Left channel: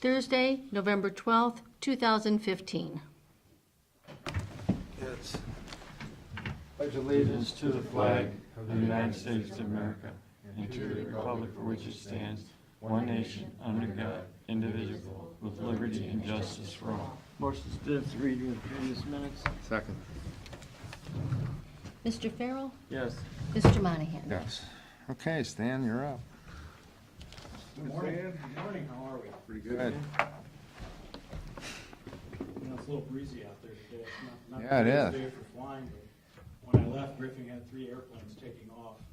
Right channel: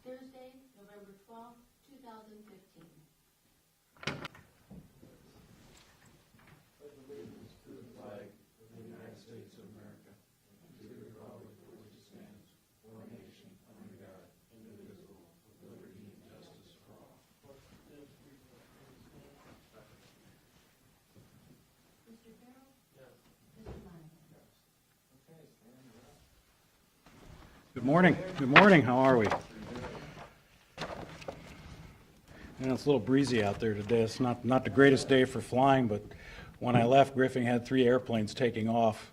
Thursday, November 12th, 2015. Yes. Pledge allegiance to the flag of the United States of America and to the republic for which it stands, one nation, under God, indivisible, with liberty and justice for all. Motion to dispense reading of previous minutes. Second. Mr. Farrell? Yes. Mr. Monahan? Yes. Okay, Stan, you're up. Good morning. Good morning. How are we? Good. You know, it's a little breezy out there today. It's not the Yeah, greatest yeah. day for flying, but when I left, Griffin had 3 airplanes taking off.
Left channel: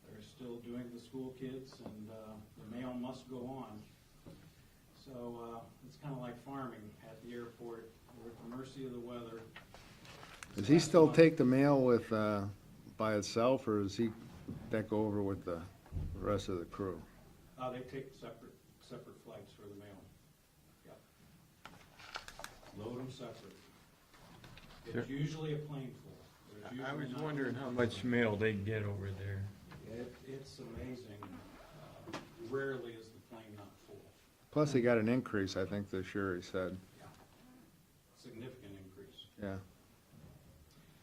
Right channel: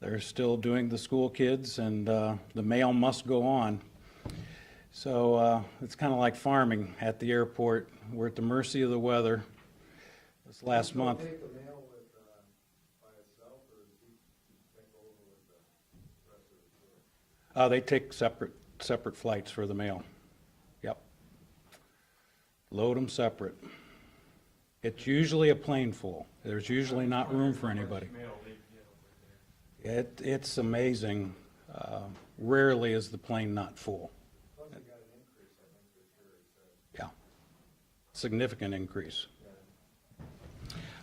They're still doing the school kids, and the mail must go on. So it's kind of like farming at the airport. We're at the mercy of the weather. Does he still take the mail with, by itself, or does that go over with the rest of the crew? They take separate flights for the mail. Yep. Load them separate. It's usually a plane full. There's usually not room for How much anybody. mail they get over there? It's amazing. Rarely is the plane not full. Plus, he got an increase, I think, this year, he said. Yeah. Significant increase.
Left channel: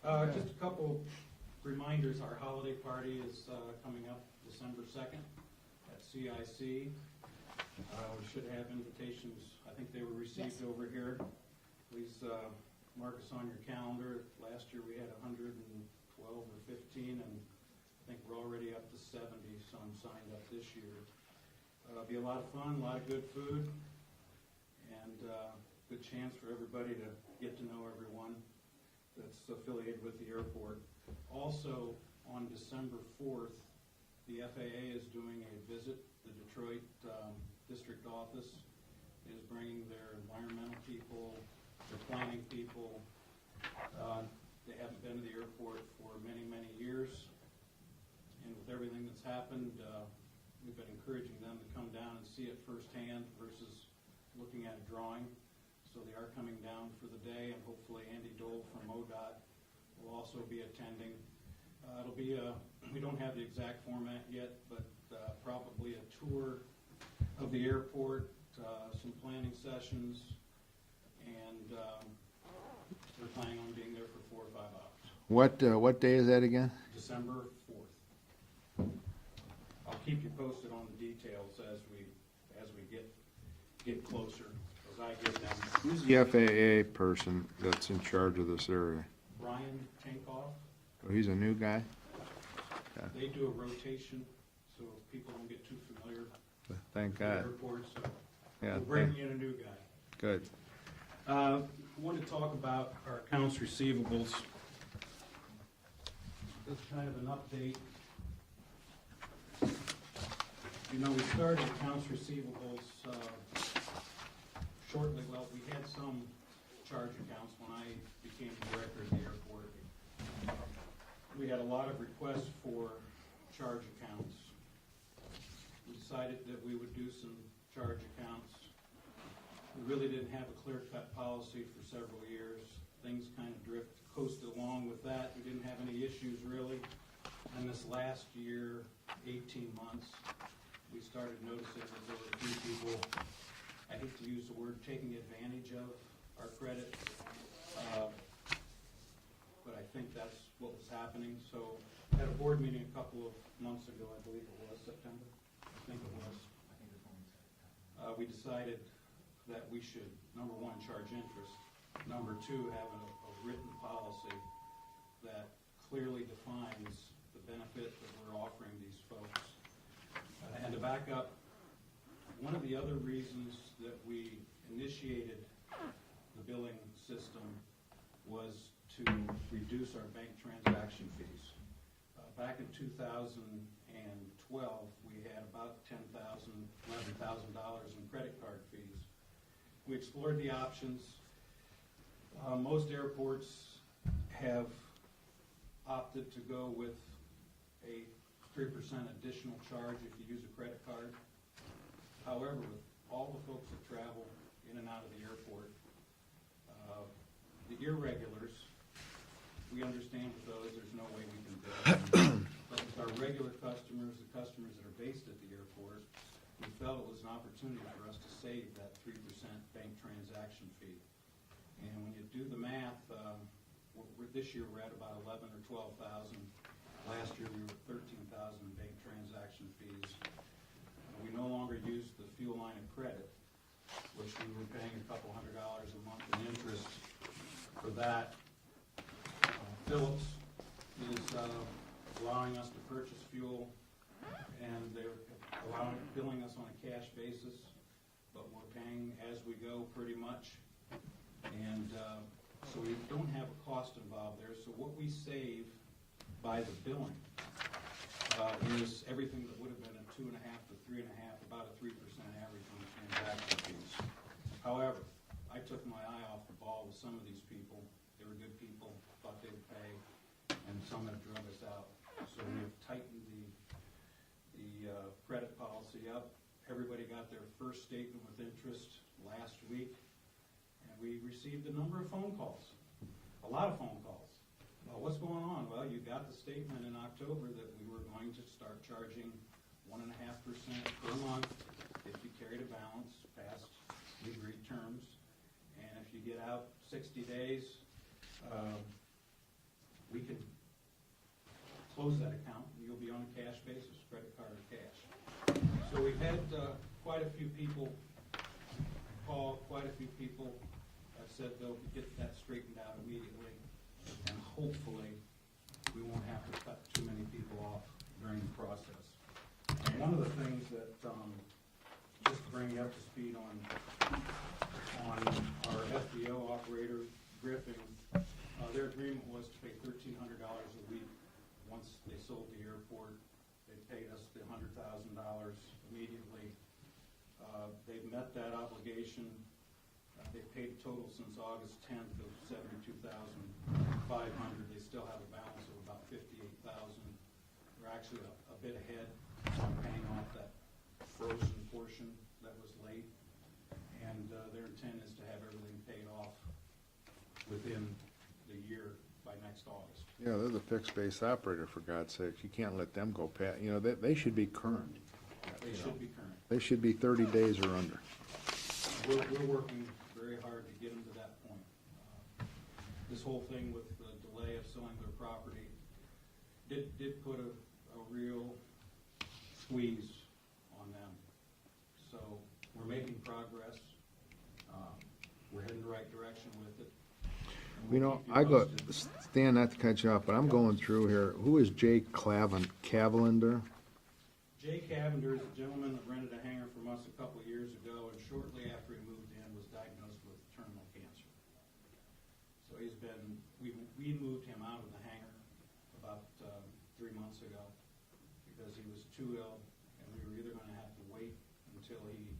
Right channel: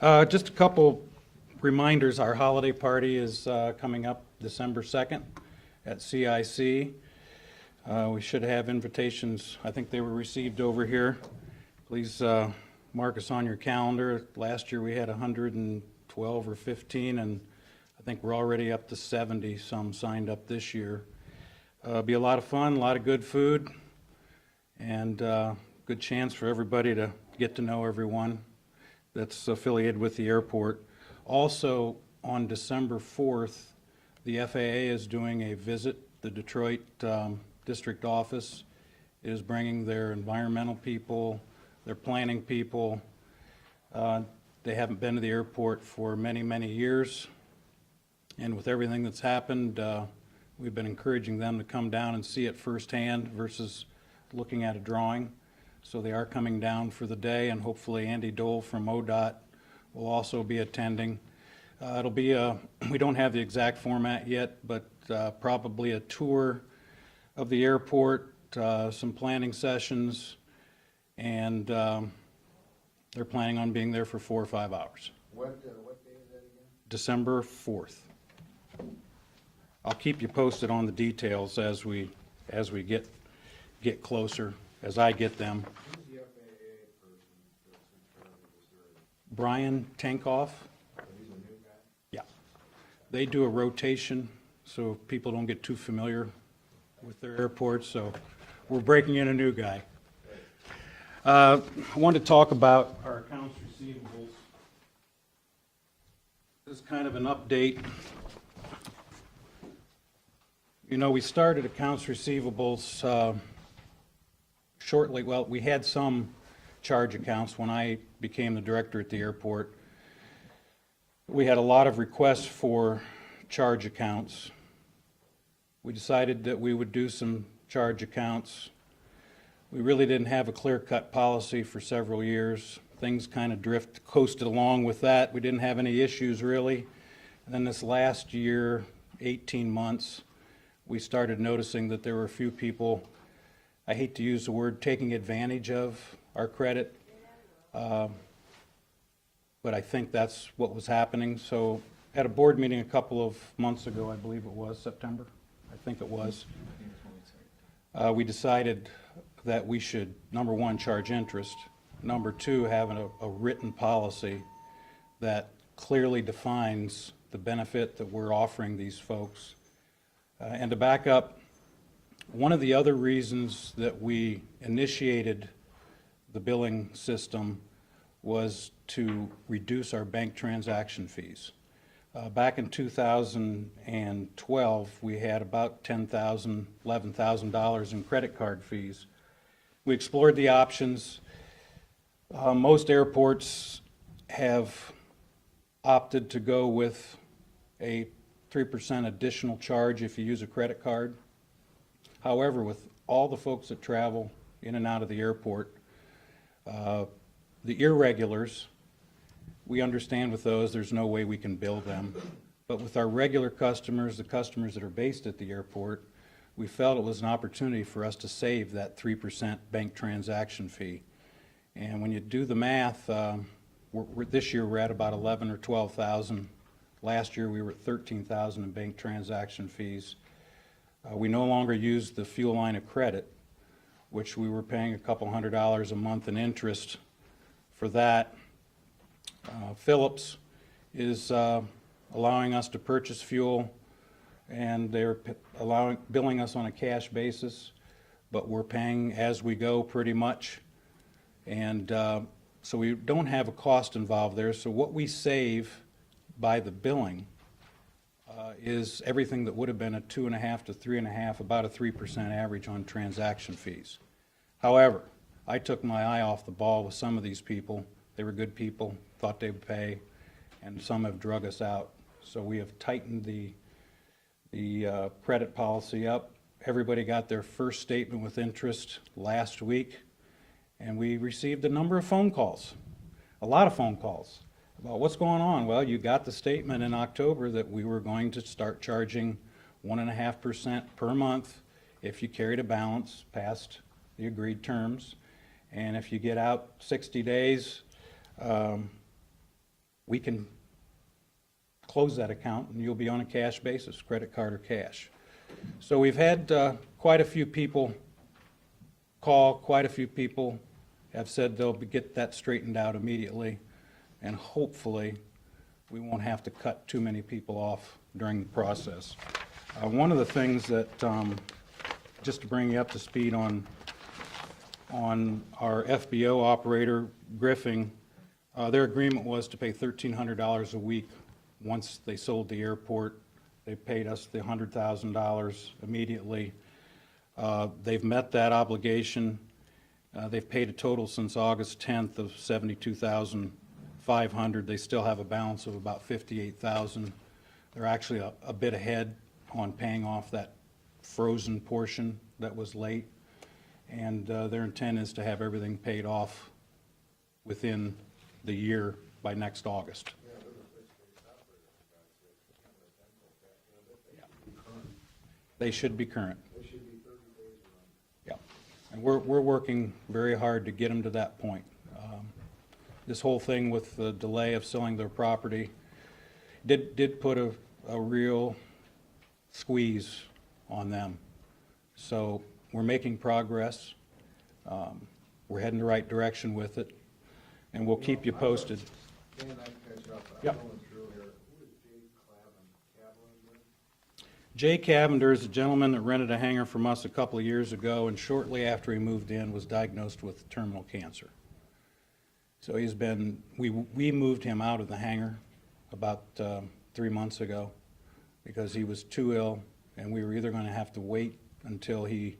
Yeah. Just a couple reminders. Our holiday party is coming up December 2nd at CIC. We should have invitations. I think they were received over here. Please mark us on your calendar. Last year we had 112 or 15, and I think we're already up to 70 some signed up this year. Be a lot of fun, a lot of good food, and good chance for everybody to get to know everyone that's affiliated with the airport. Also, on December 4th, the FAA is doing a visit. The Detroit district office is bringing their environmental people, their planning people. They haven't been to the airport for many, many years. And with everything that's happened, we've been encouraging them to come down and see it firsthand versus looking at a drawing. So they are coming down for the day, and hopefully Andy Dole from ODOT will also be attending. It'll be we don't have the exact format yet, but probably a tour of the airport, some planning sessions, and they're planning on being there for 4 or 5 hours. What day is that again? December 4th. I'll keep you posted on the details as we get closer, as I get them. Who's the FAA person that's in charge of this area? Brian Tankoff, Oh, he's a new guy? yeah. They do a rotation, so people don't get too familiar Thank with the God. airport, so Yeah. we're breaking in a new guy. Good. I wanted to talk about our accounts receivables. This is kind of an update. You know, we started accounts receivables shortly, well, we had some charge accounts when I became the director at the airport. We had a lot of requests for charge accounts. We decided that we would do some charge accounts. We really didn't have a clear-cut policy for several years. Things kind of coasted along with that. We didn't have any issues really. And then this last year, 18 months, we started noticing that there were a few people, I hate to use the word taking advantage of our credit, but I think that's what was happening. So at a board meeting a couple of months ago, I believe it was September, I think it was, we decided that we should, number one, charge interest, number two, have a written policy that clearly defines the benefit that we're offering these folks. And to back up, one of the other reasons that we initiated the billing system was to reduce our bank transaction fees. Back in 2012, we had about $10,000, $11,000 in credit card fees. We explored the options. Most airports have opted to go with a 3% additional charge if you use a credit card. However, with all the folks that travel in and out of the airport, the irregulars, we understand with those, there's no way we can bill them. But with our regular customers, the customers that are based at the airport, we felt it was an opportunity for us to save that 3% bank transaction fee. And when you do the math, this year we're at about 11 or 12,000. Last year we were at 13,000 in bank transaction fees. We no longer use the fuel line of credit, which we were paying a couple $100 a month in interest for that. Phillips is allowing us to purchase fuel, and they're billing us on a cash basis, but we're paying as we go pretty much. And so we don't have a cost involved there. So what we save by the billing is everything that would have been a 2.5 to 3.5, about a 3% average on transaction fees. However, I took my eye off the ball with some of these people. They were good people, thought they would pay, and some have drug us out. So we have tightened the credit policy up. Everybody got their first statement with interest last week, and we received a number of phone calls, a lot of phone calls about what's going on. Well, you got the statement in October that we were going to start charging 1.5% per month if you carried a balance past the agreed terms. And if you get out 60 days, we can close that account and you'll be on a cash basis, credit card or cash. So we've had quite a few people call, quite a few people have said they'll get that straightened out immediately, and hopefully we won't have to cut too many people off during the process. One of the things that, just to bring you up to speed on our FBO operator, Griffing, their agreement was to pay $1,300 a week. Once they sold the airport, they paid us the $100,000 immediately. They've met that obligation. They've paid a total since August 10th of $72,500. They still have a balance of about $58,000. They're actually a bit ahead on paying off that frozen portion that was late. And their intent is to have everything paid off within the year by next August. Yeah, they're the fixed base operator, for God's sakes. You can't let them go past, you know, they should be current. They should be current. They should be 30 days or under. Yeah. We're working very hard to get them to that point. This whole thing with the delay of selling their property did put a real squeeze on them. So we're making progress. We're heading the right direction with it, and we'll keep you posted. Stan, not to cut you off, but I'm Yep. going through here. Who is Jay Cavalinder? Jay Cavender is a gentleman that rented a hangar from us a couple of years ago, and shortly after he moved in was diagnosed with terminal cancer. So he's been, we moved him out of the hangar about 3 months ago because he was too ill, and we were either going to have to wait until he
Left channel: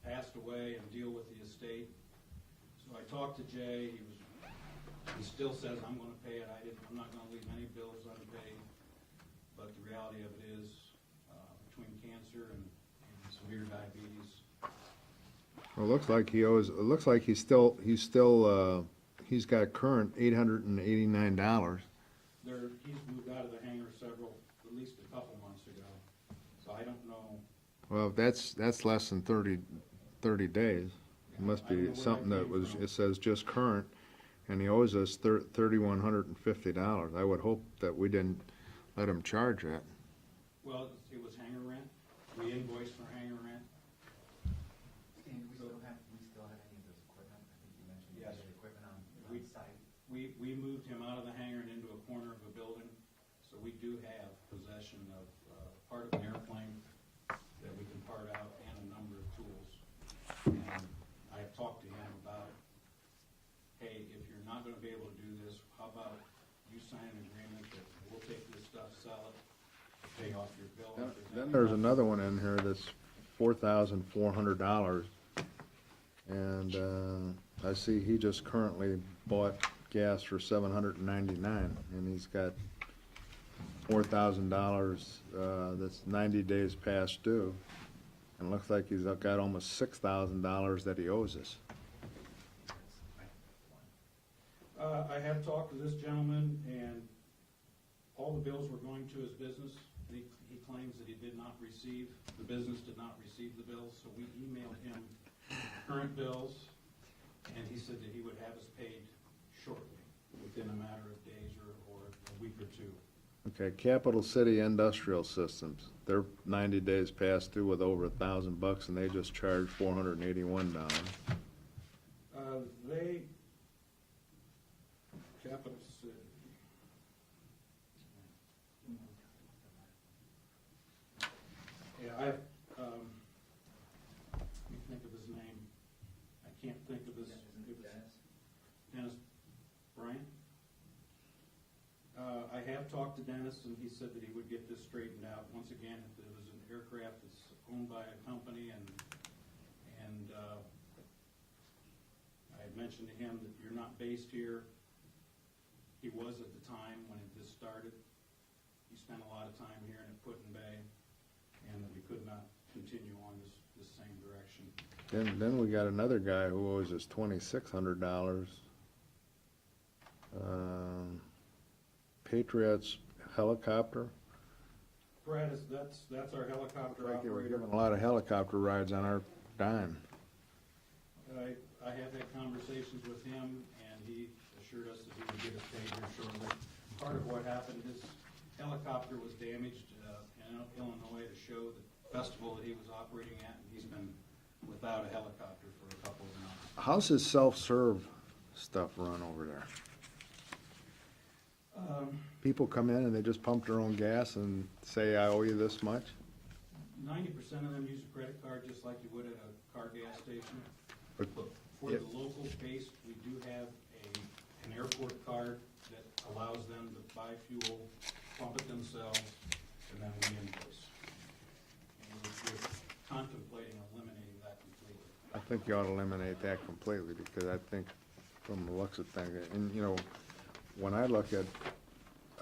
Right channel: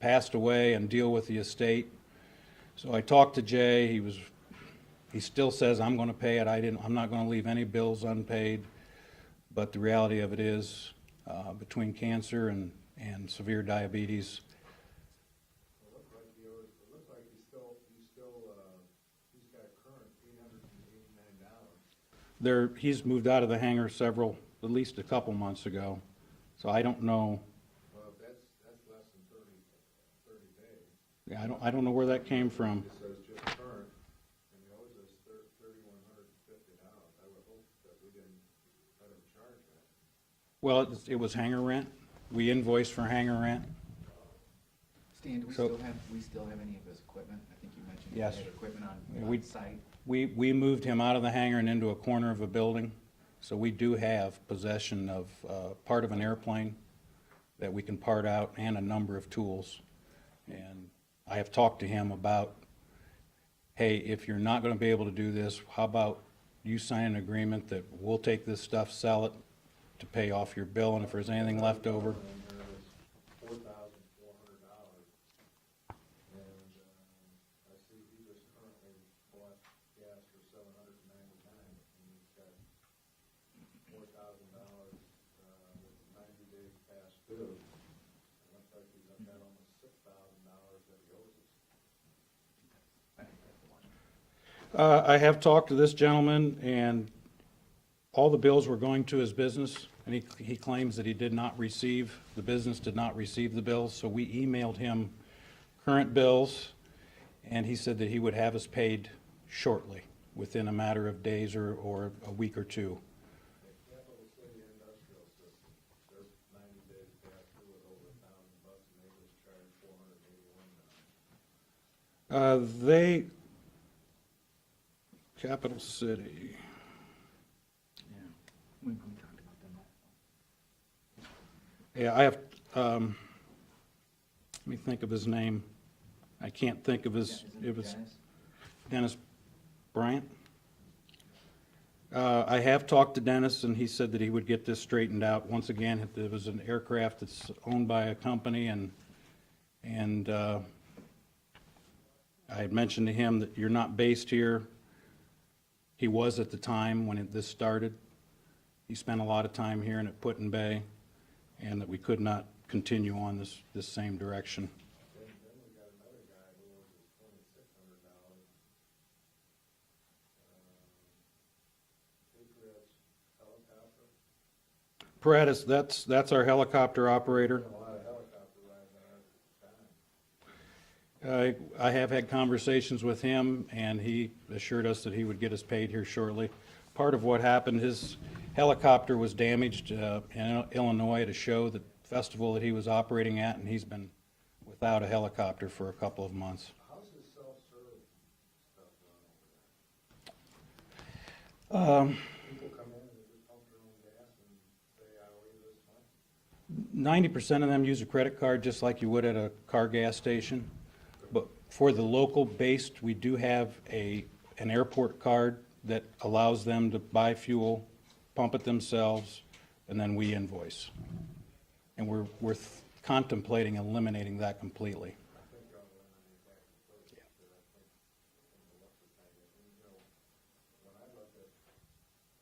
passed away and deal with the estate. So I talked to Jay. He still says, I'm going to pay it. I'm not going to leave any bills unpaid. But the reality of it is, between cancer and severe diabetes, Well, it looks like he owes, it looks like he's got current $889. he's moved out of the hangar at least a couple months ago. So I don't know. Well, that's less than 30 days. Yeah, Must I don't be know where that something came was- from. It says just current, and he owes us $3,150. I would hope that we didn't let him charge that. Well, it was hangar rent. We invoiced for hangar rent. Stan, do we So- still have any of his equipment? I think you mentioned he Yes. had equipment Yeah, on we- site. We moved him out of the hangar and into a corner of a building. So we do have possession of part of an airplane that we can part out and a number of tools. And I have talked to him about, hey, if you're not going to be able to do this, how about you sign an agreement that we'll take this stuff, sell it to pay off your bill, and if there's anything There's left another over. one in here that's $4,400. And I see he just currently bought gas for $799, and he's got $4,000 that's 90 days past due. And it looks like he's got almost $6,000 that he owes us. I have talked to this gentleman, and all the bills were going to his business. and he claims that he did not receive, the business did not receive the bills, so we emailed him current bills, and he said that he would have us paid shortly, within a matter of days or a week or two. Okay, Capital City Industrial Systems, they're 90 days past due with over $1,000, and they just charged $481. Capital City, We talked about them. yeah, I have, let me think of his name. I can't think of his, it was Dennis? Dennis Bryant. I have talked to Dennis, and he said that he would get this straightened out. Once again, it was an aircraft that's owned by a company, and I had mentioned to him that you're not based here. He was at the time when this started. He spent a lot of time here and at Put-in-Bay, and that we could not continue on this same direction. Then we got another guy who owes us $2,600. Patriots Helicopter. Paratus, that's our helicopter operator. A lot of helicopter rides on our dime. I have had conversations with him, and he assured us that he would get us paid here shortly. Part of what happened, his helicopter was damaged in Illinois at a show, the festival that he was operating at, and he's been without a helicopter for a couple of months. How's his self-serve stuff run over there? People come in and they just pump their own gas and say, I owe you this much? 90% of them use a credit card just like you would at a car gas station. But for the local based, we do have an airport card that allows them to buy fuel, pump it themselves, and then we invoice. And we're contemplating eliminating that completely. I think you ought to eliminate that completely, because I think from the looks of things, and you know, when I look at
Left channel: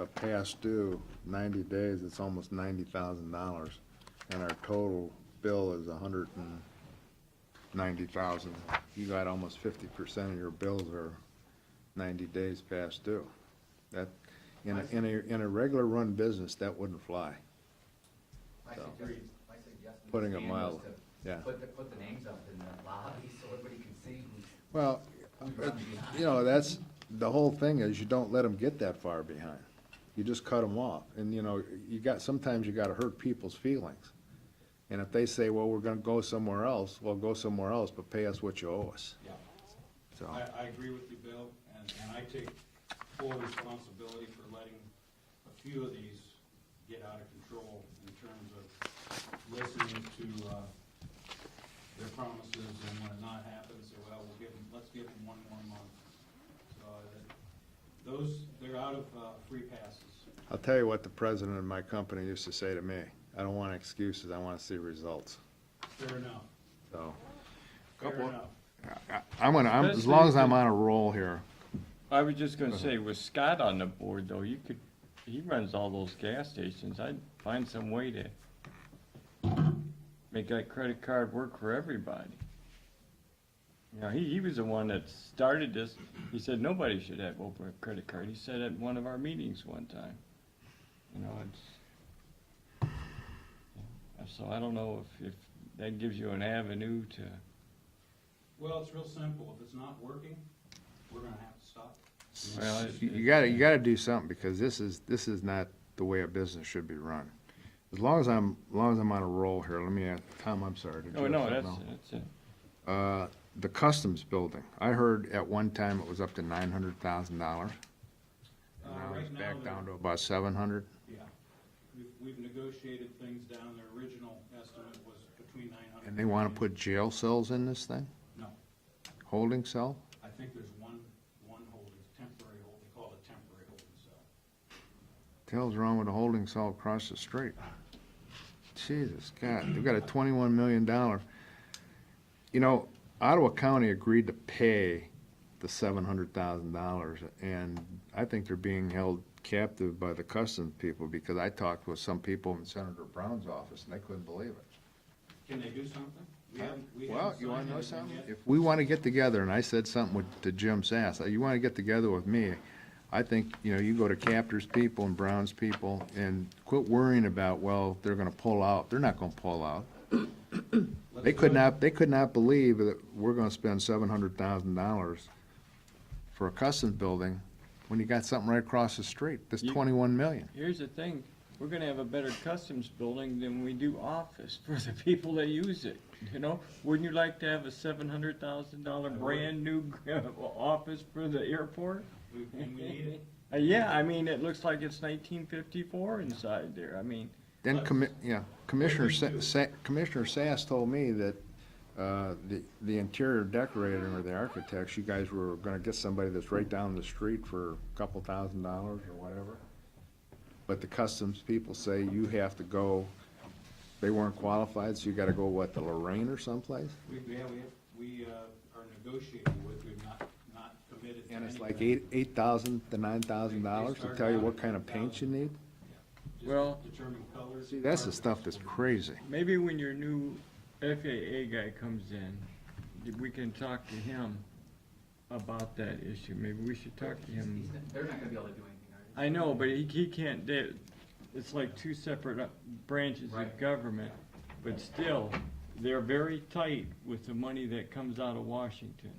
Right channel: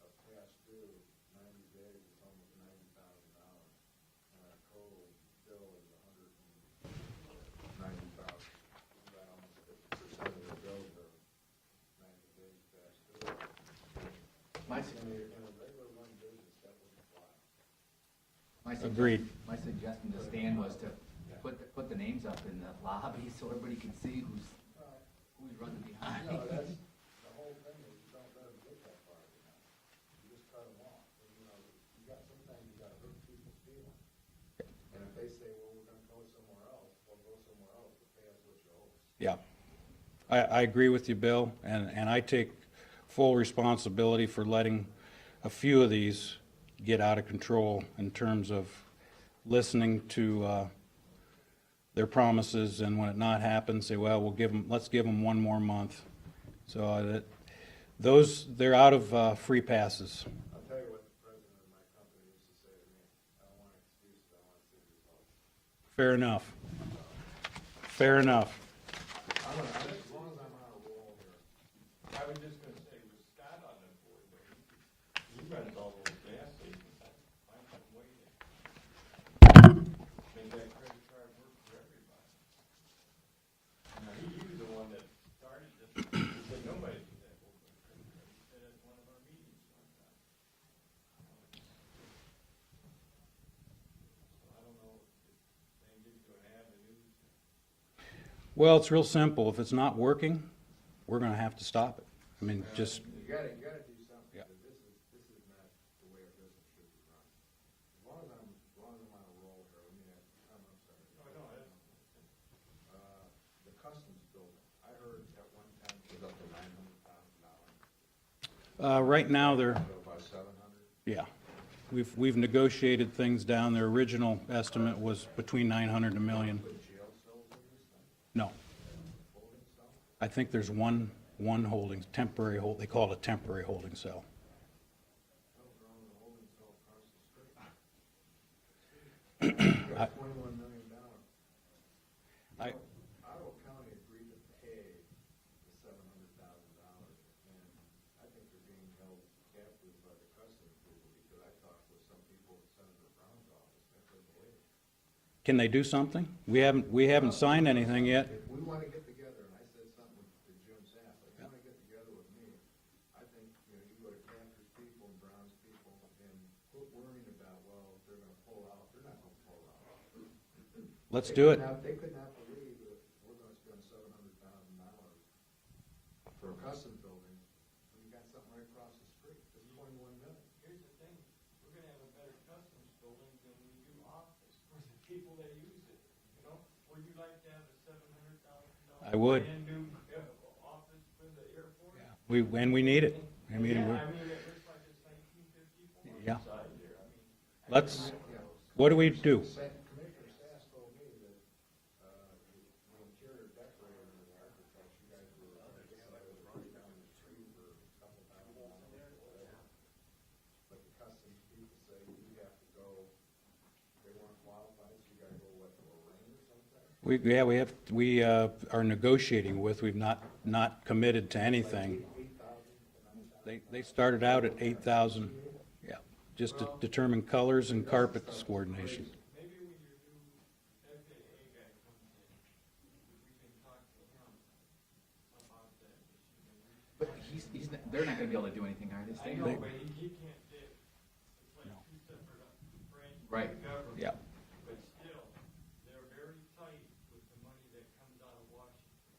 a past due, 90 days, it's almost $90,000, and our total bill is $190,000. You got almost 50% of your bills are 90 days past due. That, in a regular run business, that wouldn't fly. Agreed. My suggestion to Putting it Stan was mild, yeah. to put the names up in the lobby so everybody can see who's Well, running behind. you know, that's, the whole thing is you don't let them get that far behind. You just cut them off. And, you know, sometimes you gotta hurt people's feelings. And if they say, well, we're gonna go somewhere else, well, go somewhere else, but pay us what you owe us. Yeah. So- I agree with you, Bill, and I take full responsibility for letting a few of these get out of control in terms of listening to their promises, and when it not happens, say, well, let's give them one more month. So they're out of free passes. I'll tell you what the president of my company used to say to me, I don't want excuses, I wanna see results. Fair enough, So, fair enough. as long as I'm on a roll here, I was just gonna say, with Scott on the board though, he runs all those gas stations. I'd find some way to make that credit card work for everybody. You know, he was the one that started this. He said nobody should have open a credit card. He said at one of our meetings one time. You know, so I don't know if that gives you an avenue to. Well, it's real simple. If it's not working, we're gonna have to stop it. I mean, it's Well, just, you gotta do something, because this is not the way a business should be run. As long as I'm on a roll here, let me ask, Tom, I'm sorry. did you Oh, have no, something that's else? it. The customs building, I heard at one time it was up to $900,000. right now, they're, About 700? yeah. We've negotiated things down. Their original estimate was between 900 They and a wanna million. put jail cells in this thing? No, Holding cell? I think there's one temporary they call it a temporary holding cell. The hell's wrong with a holding cell across the street? Jesus, God, you got a $21 million. You know, Ottawa County agreed to pay the $700,000, and I think they're being held captive by the customs people, because I talked with some people in Senator Brown's office, and they couldn't believe it. Can they do something? We haven't signed anything yet. If we want to get together, and I said something to Jim Sass, you want to get together with me, I think, you go to Captors people and Browns people and quit worrying about, well, they're gonna pull out. They're not gonna pull out. Let's They do could it. not, they could not believe that we're gonna spend $700,000 for a customs building when you got something right across the street, that's You- 21 million. Here's the thing, we're gonna have a better customs building than we do office for the people that use it, you know? Wouldn't you like to have a $700,000 I would. brand new office for the airport? And we need it. We need Yeah, it. I mean, it looks like it's 1954 Yeah. inside there, I mean, Then, Let's- what do we do? Commissioner Sass told me that, the interior decorator or the architects, you guys were gonna get somebody that's right down the street for a couple $1,000s or whatever. But the customs people say you have to go, they weren't qualified, so you gotta go, what, to Lorraine or someplace? We are negotiating with, we've not committed to anything. Like $8,000 to $9,000 to started tell you out what at kind of paint you 8,000. need? Yeah, just to Well, determine colors and That's the carpet stuff that's coordination. crazy. maybe when your new FAA guy comes in, we can talk to him about that issue, maybe we should talk to him. They're not gonna be able to do anything, are they? I know, but he can't, it's like two separate branches Right. of government. Yeah. But still, they're very tight with the money that comes out of Washington.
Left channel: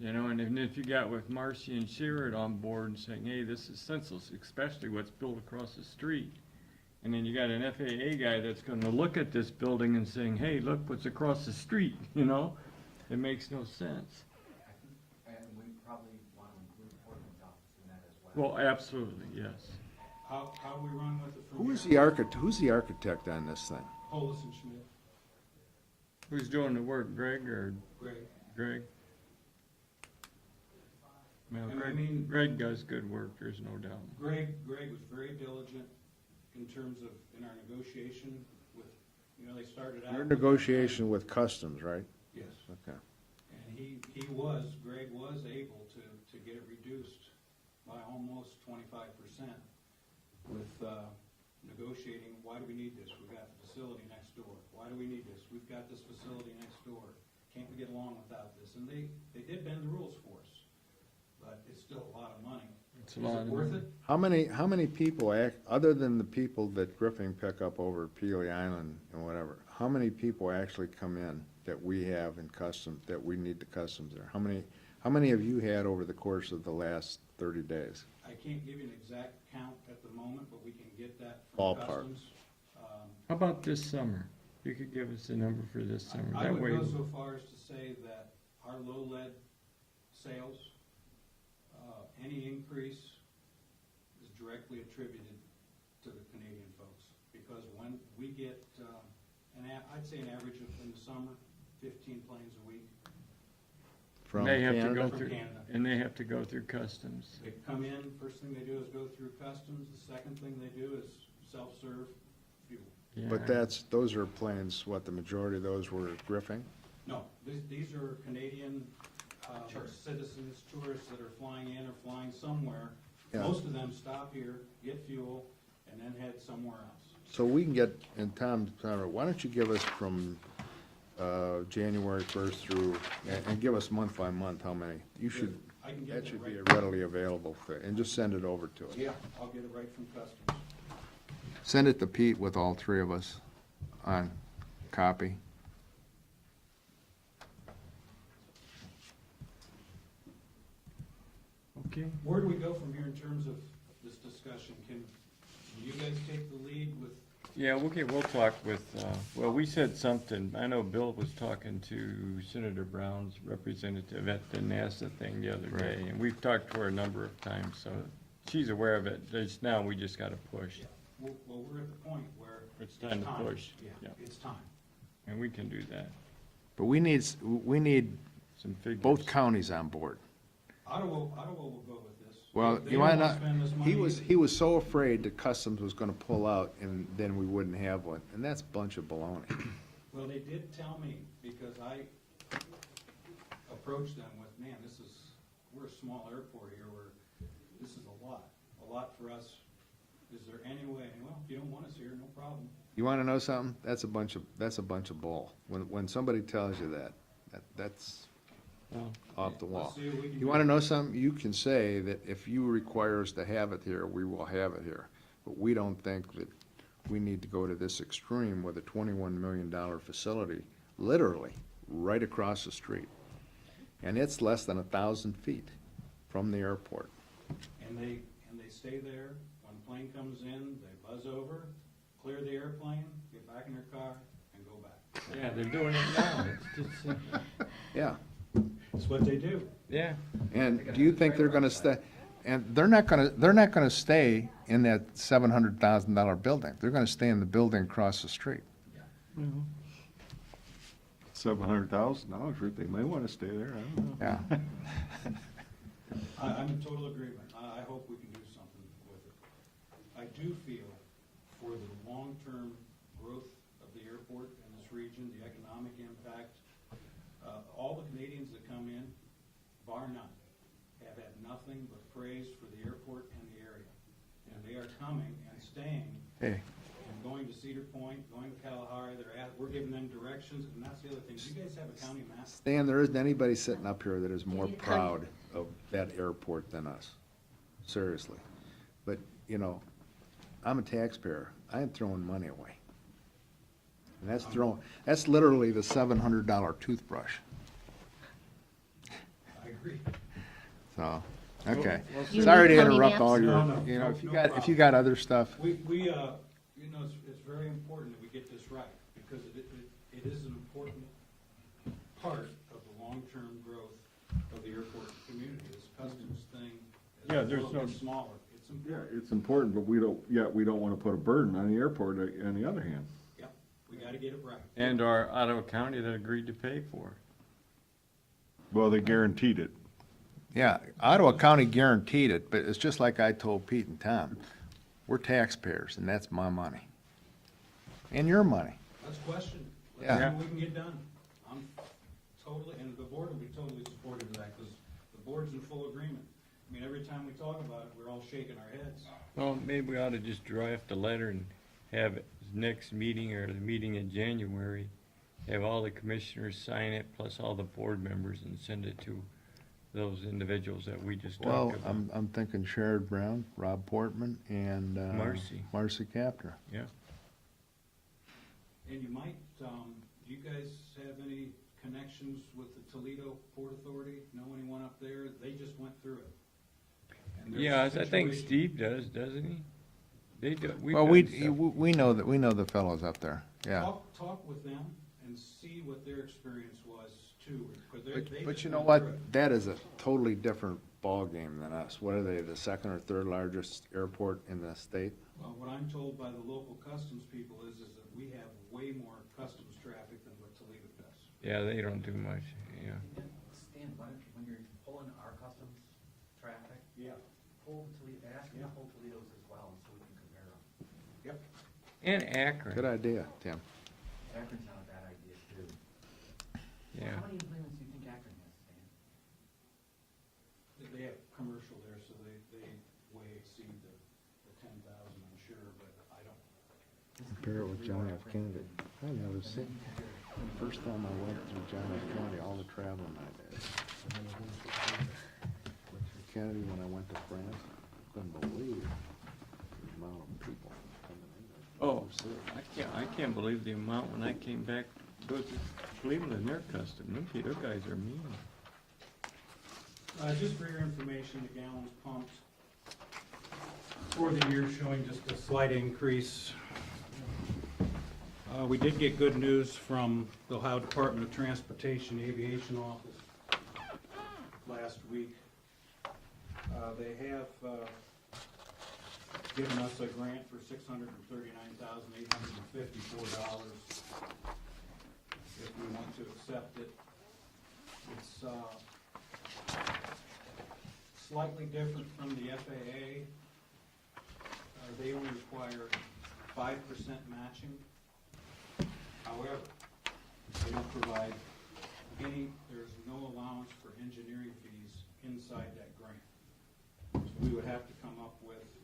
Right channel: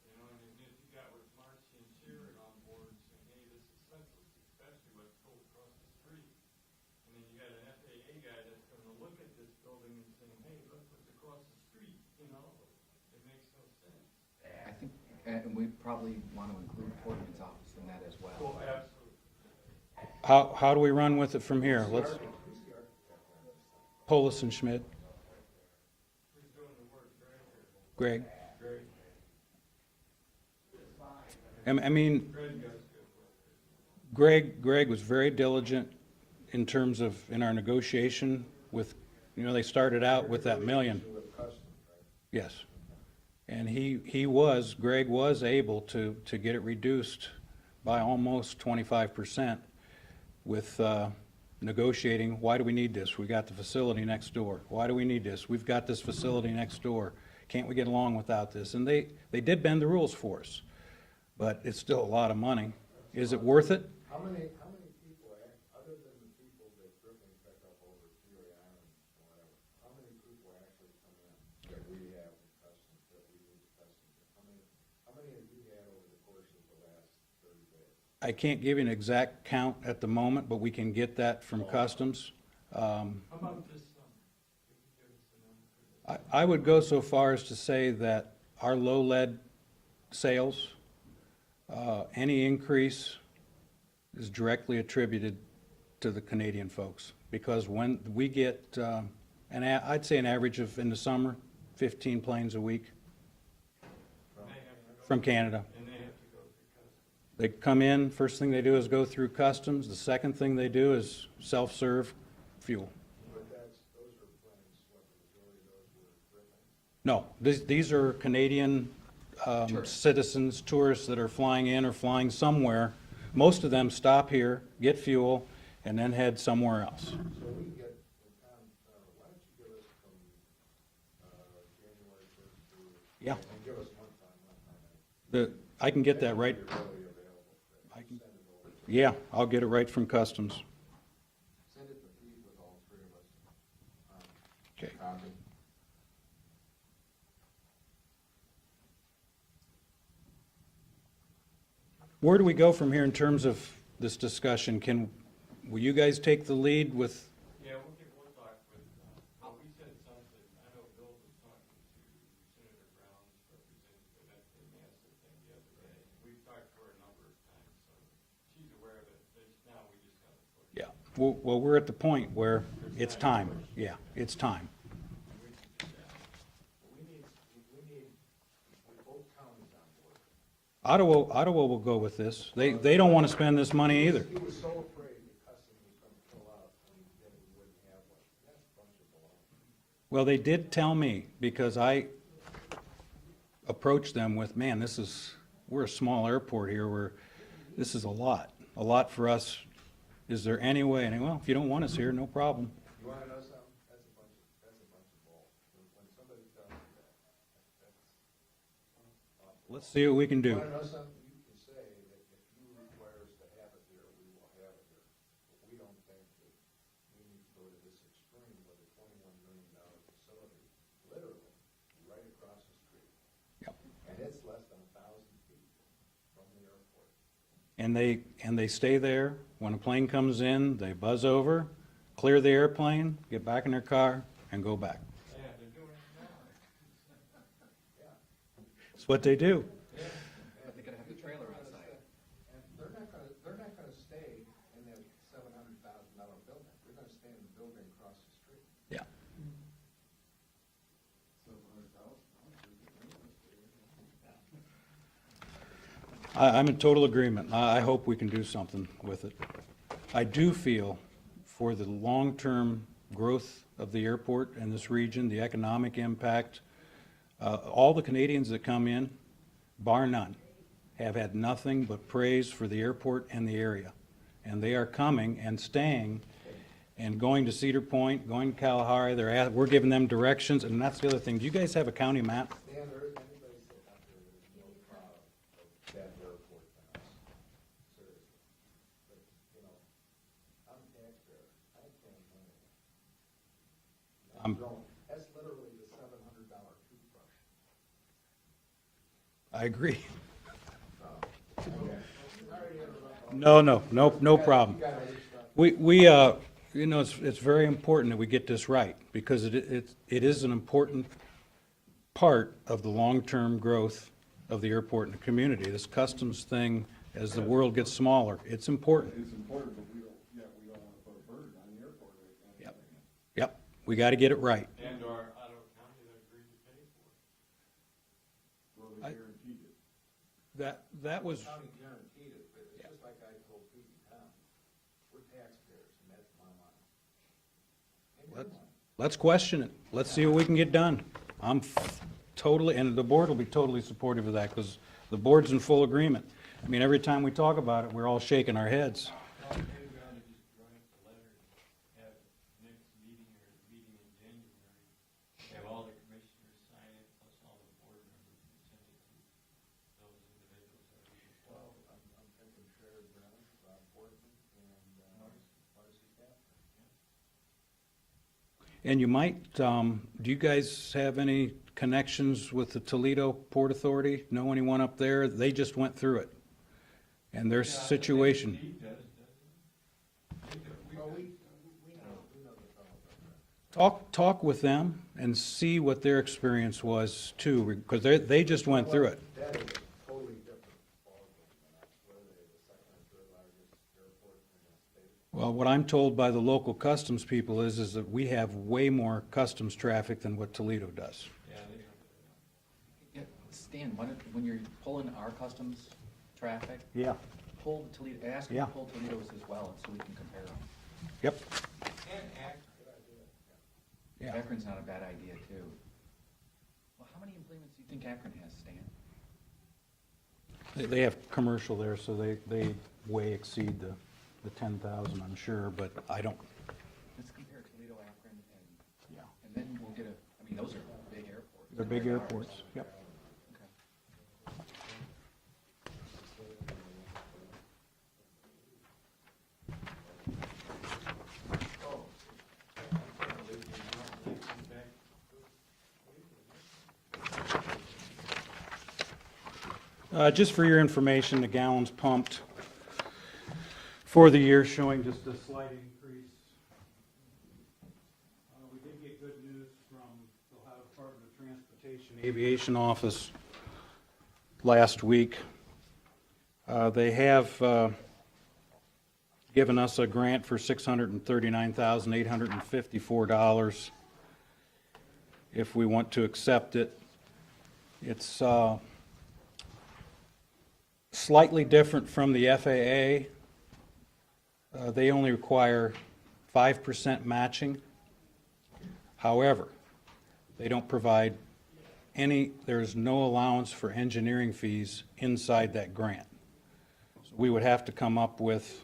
You know, and if you got with Marcy and Sherrod on board and saying, hey, this is senseless, especially what's built across the street. And then you got an FAA guy that's gonna look at this building and saying, hey, look what's across the street, you know? It makes no sense. I think, and we probably wanna include Portman's office in that as well. Well, absolutely, yes. How do we run with it from here? Who's the architect on this thing? Polis and Schmidt, Who's doing the work, Greg or Greg. Greg? I mean, Greg does good work, there's no doubt. Greg was very diligent in terms of, in our negotiation with, they started out with that million. Negotiation with customs, right? Yes. Okay. And Greg was able to get it reduced by almost 25% with negotiating, why do we need this? We got the facility next door. Why do we need this? We've got this facility next door. Can't we get along without this? And they did bend the rules for us, but it's still a lot of money. Is it worth it? How many people other than the people that Griffin pick up over at Peely Island and whatever, how many people actually come in that we have in customs, that we need the customs there? How many have you had over the course of the last 30 days? I can't give you an exact count at the moment, but we can get that from Ballpark. customs. How about this summer? You could give us a number for this summer. I That would way- go so far as to say that our low lead sales, any increase is directly attributed to the Canadian folks. Because when we get, I'd say an average of, in the summer, 15 planes a week From They have to Canada? go from through- Canada. And they have to go through customs. They come in, first thing they do is go through customs. The second thing they do is self-serve fuel. But Yeah. those are planes, what, the majority of those were Griffin? No, these are Canadian citizens, tourists that are flying in or flying somewhere. Most of them stop here, get fuel, and then head somewhere else. So we can get, and Tom, why don't you give us from January 1st through, Yeah. and give us month by month how many? You should. I can get that right. should be readily available, and just send it over to us. Yeah, I'll get it right from customs. Send it to Pete with all three of us on Okay. copy. Okay. Where do we go from here in terms of this discussion? Will you guys take the lead with, Yeah, okay, we'll talk with, well, we said something, I know Bill was talking to Senator Brown's representative at the NASA thing the other day, and we've talked to her a number of times, so she's aware of it. Just now, we just gotta push. yeah, well, we're at the point where it's time to time. push. Yeah, Yeah. it's time. And we can do that. But we need Some figures. both counties on board. Ottawa will go with this. Well, They don't why wanna not? spend this money He was- either. He was so afraid that customs was gonna pull out, and then we wouldn't have one, and that's a bunch of baloney. Well, they did tell me, because I approached them with, man, we're a small airport here, this is a lot for us. Is there any way? And, well, if you don't want us here, no problem. You wanna know something? That's a bunch of bull. When somebody tells you that's, off the wall. Let's see what we can You wanna do. know something? You can say that if you require us to have it here, we will have it here. But we don't think that we need to go to this extreme with a $21 million facility, literally, right across the street. Yep. And it's less than 1,000 feet from the airport. And they stay there. When a plane comes in, they buzz over, clear the airplane, get back in their car, and go back. Yeah, they're doing it now. It's just, Yeah. It's what they do. yeah. And do you think they're gonna stay, and they're not gonna stay in that $700,000 building. They're gonna stay in the building across the street. Yeah. $700,000, they may want to stay there, I don't know. Yeah. I'm in total agreement. I hope we can do something with it. I do feel for the long-term growth of the airport in this region, the economic impact, all the Canadians that come in, bar none, have had nothing but praise for the airport and the area. And they are coming and staying Hey. and going to Cedar Point, going to Kalahari. We're giving them directions, and that's the other thing. Do you guys have a county map? Stan, there isn't anybody sitting up here that is more You can't- proud of that airport than us. Seriously. But, you know, I'm a taxpayer. I ain't throwing money away. And that's literally the $700 toothbrush. I agree. So, okay. You Sorry need to county interrupt maps? all your. No, no, you no- know, no if problem. you got other stuff. You know, it's very important that we get this right, because it is an important part of the long-term growth of the airport and the community. This customs thing, as Yeah, the there's world gets no- smaller, it's important. It's important, but we don't want to put a burden on the airport on the other hand. Yep, we gotta get it right. And our Ottawa County that agreed to pay for it. Well, they guaranteed it. Yeah, Ottawa County guaranteed it, but it's just like I told Pete and Tom. We're taxpayers, and that's my money. And your money. Let's question it. Let's see Yeah. what we can get done. I'm totally, and the board will be totally supportive of that, because the board's in full agreement. I mean, every time we talk about it, we're all shaking our heads. Well, maybe we ought to just draft a letter and have it next meeting or the meeting in January, have all the commissioners sign it, plus all the board members, and send it to those individuals that we just Well, talked about. I'm thinking Sherrod Brown, Rob Portman, and Marcy Kaptur. Yeah. And you might, do you guys have any connections with the Toledo Port Authority? Know anyone up there? They just went through it. And their Yeah, situation. I think Steve does, doesn't he? They do. Well, we know the fellows up there, yeah. Talk with them and see what their experience was too, because they just You know went what? through it. That is a totally different ballgame than us. What are they, the second or third largest airport in the state? Well, what I'm told by the local customs people is that we have way more customs traffic than what Toledo does. Yeah, they don't do much, yeah. Yeah, Stan, when you're pulling our customs traffic, Yeah. pull Toledo, ask them Yeah. to pull Toledo's as well, so we can compare them. Yep. And Akron. Good idea, Tim. Yeah. Akron's not a bad idea, too. Yeah. How many planes do you think Akron has, Stan? They have commercial there, so they way exceed the 10,000, I'm sure, but I don't, Compare it with John F. Kennedy. I noticed Then you will get a, first time I went through John big F. Kennedy, airports. all the traveling I did. Kennedy, when I went to France, couldn't believe the amount of people. Oh, so I can't believe the amount when I came back, go to Cleveland, their custom, their guys are mean. just for your information, the gallons pumped for the year showing just a slight increase. We did get good news from the Ohio Department of Transportation Aviation Office last week. They have given us a grant for $639,854 if we want to accept it. It's slightly different from the FAA. They only require 5% matching. However, they don't provide there's no allowance for engineering fees inside that grant. We would have to come up with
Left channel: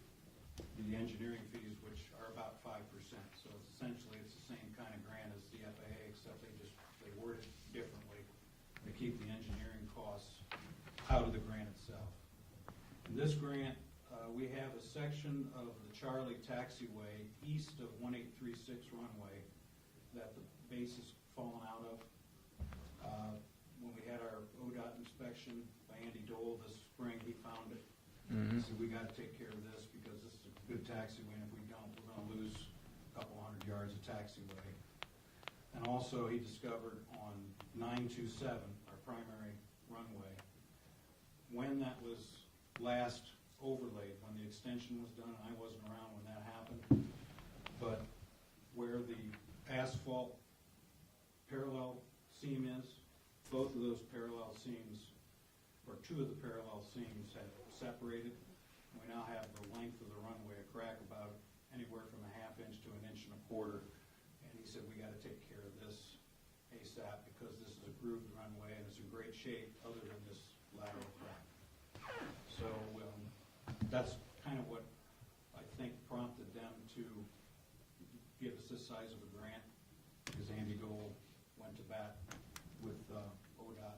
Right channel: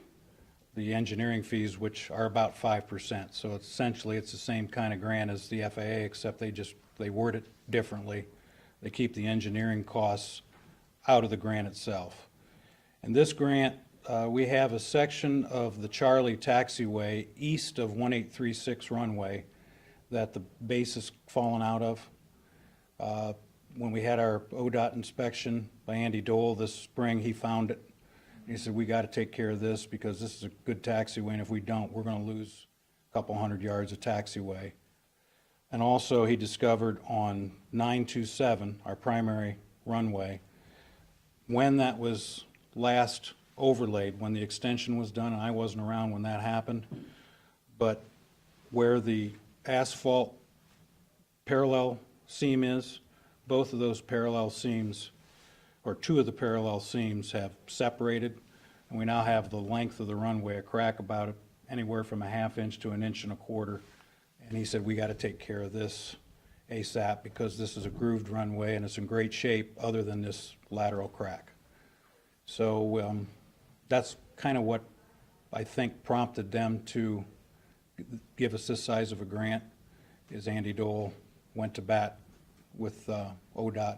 the engineering fees, which are about 5%. So essentially, it's the same kind of grant as the FAA, except they word it differently. They keep the engineering costs out of the grant itself. And this grant, we have a section of the Charlie taxiway east of 1836 runway that the base has fallen out of. When we had our ODOT inspection by Andy Dole this spring, he found it. He said, we gotta take care of this because this is a good taxiway, and if we don't, we're gonna lose a couple hundred yards of taxiway. And also, he discovered on 927, our primary runway, when that was last overlaid, when the extension was done, and I wasn't around when that happened, but where the asphalt parallel seam is, both of those parallel seams, or two of the parallel seams, have separated, and we now have the length of the runway, a crack about anywhere from a ½ inch to 1.25 inches. And he said, we gotta take care of this ASAP because this is a grooved runway and it's in great shape other than this lateral crack. So that's kind of what I think prompted them to give us this size of a grant, is Andy Dole went to bat with ODOT.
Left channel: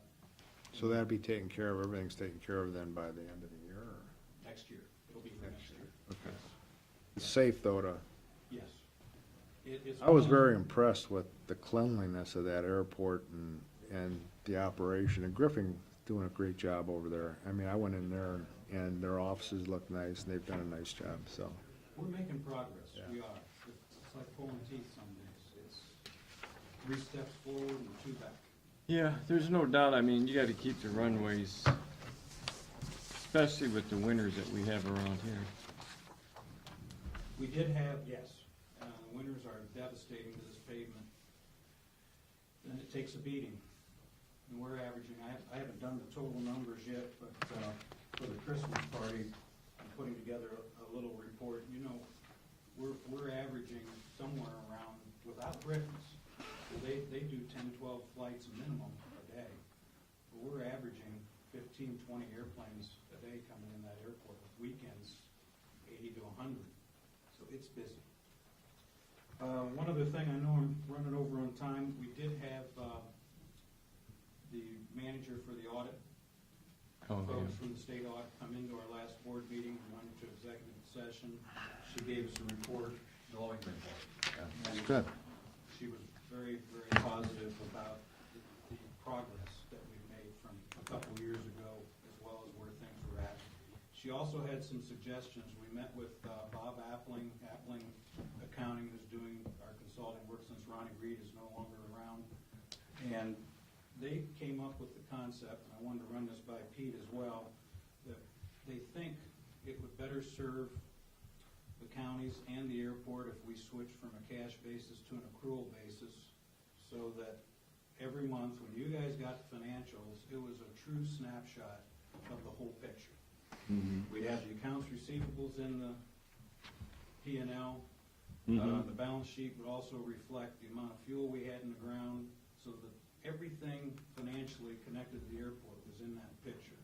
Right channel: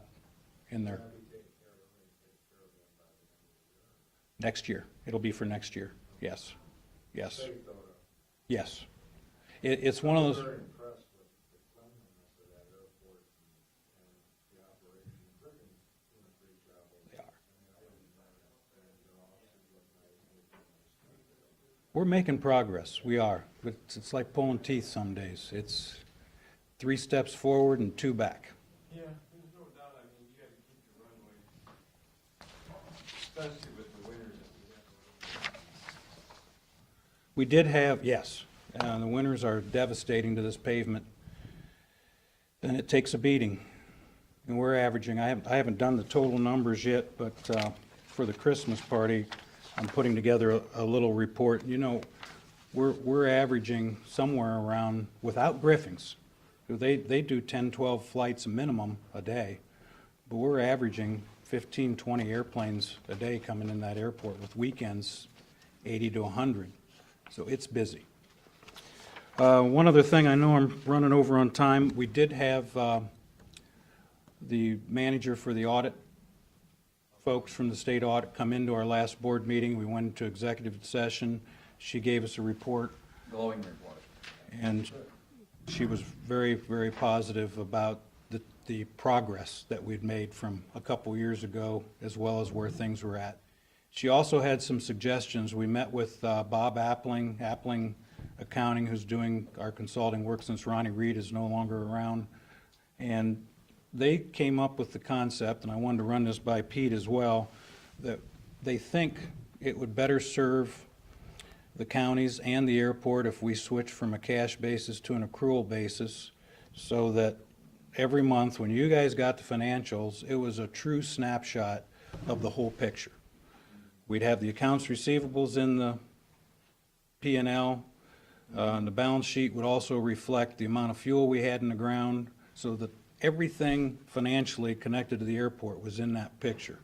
in So the- that'll be taken care of, everything's taken care of then by the end of the year? Or- Next year. It'll be for next year. Yes. Yes. Safe though to, Yes. It's I one of was those. very impressed with the cleanliness of that airport and the operation, and Griffin's doing a great job over there. I mean, I went in there and their offices look nice, and they've done a nice job, so. We're making progress. We are. It's like pulling teeth some days. It's 3 steps forward and 2 back. Yeah, there's no doubt, I mean, you gotta keep the runways, especially with the winters that we have around here. We did have, yes, the winters are devastating to this pavement. And it takes a beating. And we're averaging, I haven't done the total numbers yet, but for the Christmas party, I'm putting together a little report. You know, we're averaging somewhere around, without briefings, they do 10, 12 flights minimum a day, but we're averaging 15, 20 airplanes a day coming in that airport, with weekends 80 to 100. So it's busy. One other thing, I know I'm running over on time. We did have the manager for the audit folks from the state audit come into our last board meeting. We went into executive session. She gave us a report, Glowing report. and Good. she was very, very positive about the progress that we'd made from a couple years ago, as well as where things were at. She also had some suggestions. We met with Bob Appling Accounting, who's doing our consulting work since Ronnie Reed is no longer around. And they came up with the concept, and I wanted to run this by Pete as well, that they think it would better serve the counties and the airport if we switch from a cash basis to an accrual basis, so that every month, when you guys got the financials, it was a true snapshot of the whole picture. We'd have the accounts receivables in the P&L. And the balance sheet would also reflect the amount of fuel we had in the ground, so that everything financially connected to the airport was in that picture.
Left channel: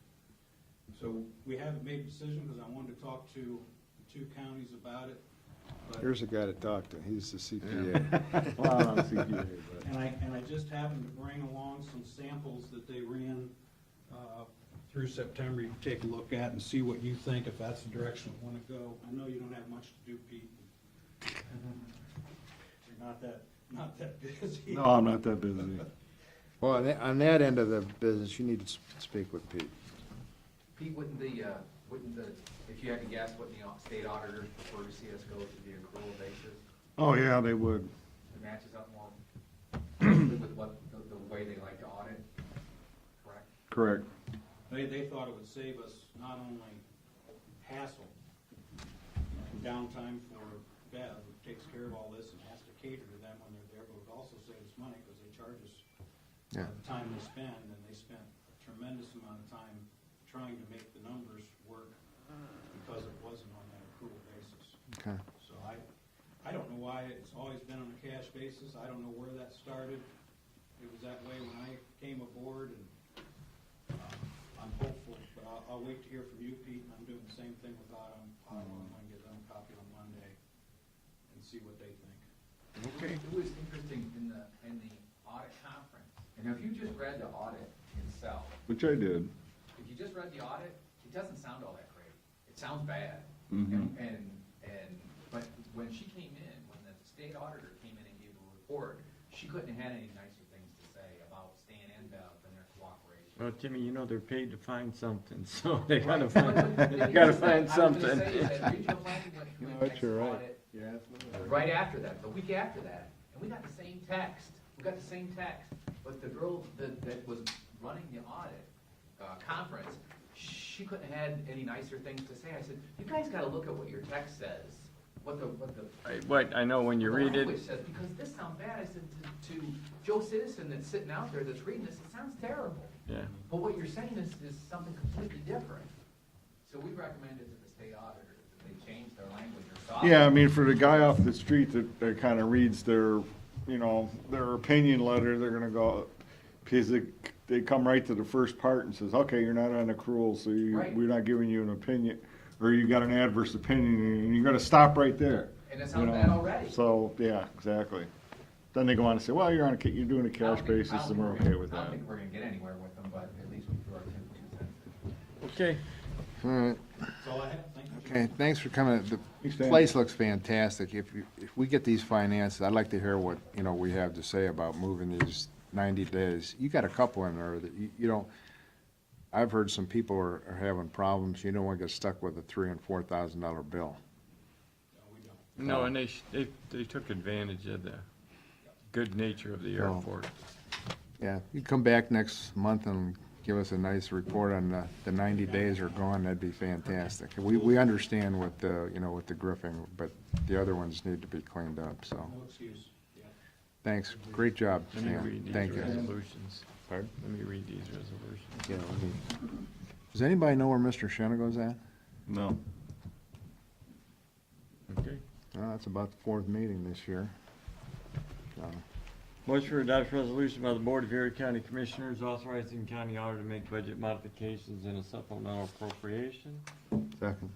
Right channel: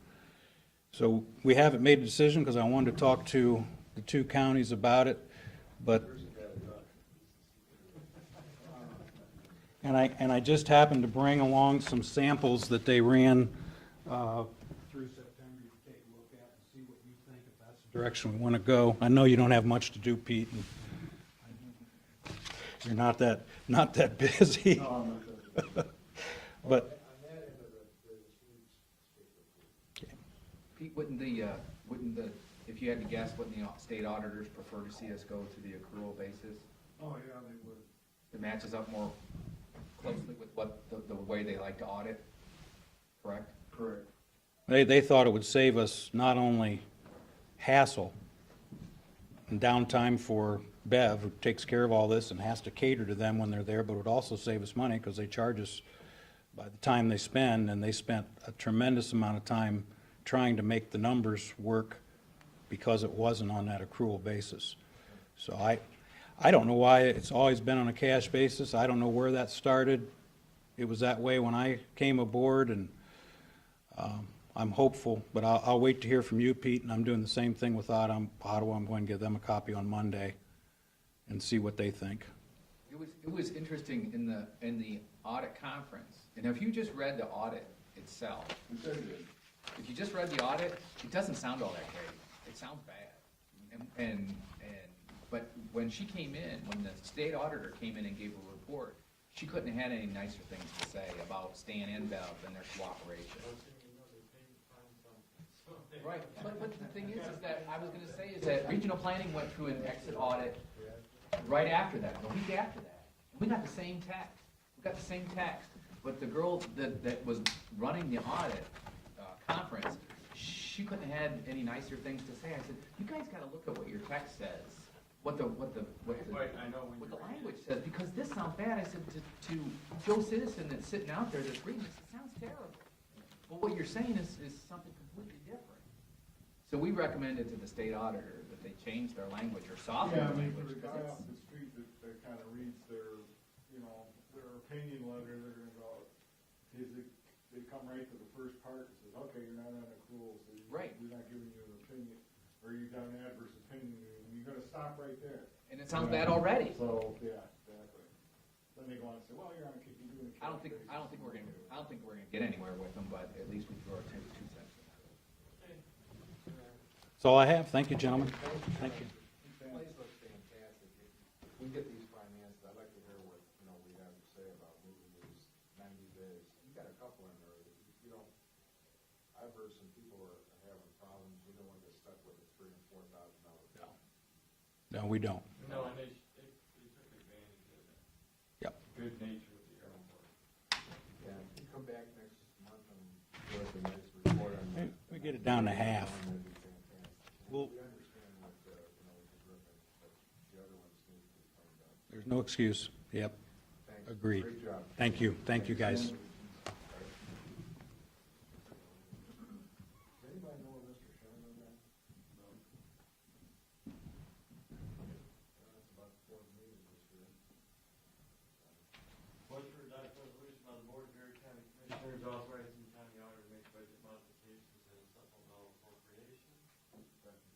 So we haven't made a decision because I wanted to talk to the 2 counties about it, but, Here's a guy to talk to, he's the CPA. Well, I don't think you did, but- and I just happened to bring along some samples that they ran through September. You can take a look at and see what you think, if that's the direction we want to go. I know you don't have much to do, Pete, and you're not that busy. No, I'm not that busy. Well, on that end of the business, you need to speak with Pete. Pete, wouldn't the, if you had to guess, wouldn't the state auditors prefer to see us go to the accrual basis? Oh, yeah, they would. It matches up more closely with what, the way they like to audit, correct? Correct. They thought it would save us not only hassle and downtime for Bev, who takes care of all this and has to cater to them when they're there, but it would also save us money because they charge us the time they spend, and they spent a tremendous amount of time trying to make the numbers work because it wasn't on that accrual basis. Okay. So I don't know why it's always been on a cash basis. I don't know where that started. It was that way when I came aboard, and I'm hopeful, but I'll wait to hear from you, Pete, and I'm doing the same thing with Ottawa. I'm going to give them a copy on Monday and see what they think. It was interesting in the audit conference, and if you just read the audit, itself, Which I did. if you just read the audit, it doesn't sound all that great. It sounds bad. But when she came in, when the state auditor came in and gave a report, she couldn't have had any nicer things to say about Stan and Bev and their cooperation. Well, Jimmy, you know they're paid to find something, so they gotta Right. find, But the they thing gotta is that find I something. was gonna say that regional planning went through an That's extra right. audit right after that, the week after that, and we got the same text. We got the same text, but the girl that was running the audit conference, she couldn't have had any nicer things to say. I said, you guys gotta look at what your text says, what the What, I know when you the read it, language says, because this sounds bad. I said to Joe Citizen that's sitting out there that's reading this, it sounds terrible. yeah. But what you're saying is something completely different. So we recommended to the state auditor that they change their language or soften. Yeah, I mean, for the guy off the street that kinda reads their, you know, their opinion letter, they're gonna go, because they come right to the first part and says, okay, you're not on accrual, so Right. we're not giving you an opinion, or you got an adverse opinion, and you're gonna stop right there. And it you sounds know? bad already. So, yeah, exactly. Then they go on to say, well, you're you're doing a I don't cash think- basis, I don't and we're think okay gonna- with I that. don't think we're gonna get anywhere with them, but at least we throw our 2 cents. Okay, All right. That's all I have. Thank you, Hey, gentlemen. thanks for coming. The Thanks, Dan. place looks fantastic. If we get these finances, I'd like to hear what, we have to say about moving these 90 days. You got a couple in there that you don't, I've heard some people are having problems. You don't want to get stuck with a $3,000 and $4,000 bill. No, we don't. no, and they took advantage of the Yep. good nature of the No. airport. Yeah, you come back next month and give us a nice report on the 90 Down to days are half. gone, that'd be fantastic. We understand with the, with the griffing, but the other ones need to be cleaned up, so. No excuse. Yep. Thanks, Agreed. great job. Thank Dan. you. Thank you, guys. Resolutions. Pardon? Let me read these resolutions. Yeah, let me- Does anybody know where Mr. Shenago's at? No. Okay. Well, that's about the 4th meeting this year. Motion for adoption resolution by the Board of Erie County Commissioners authorizing county auditor to make budget modifications in a supplemental appropriation. Second,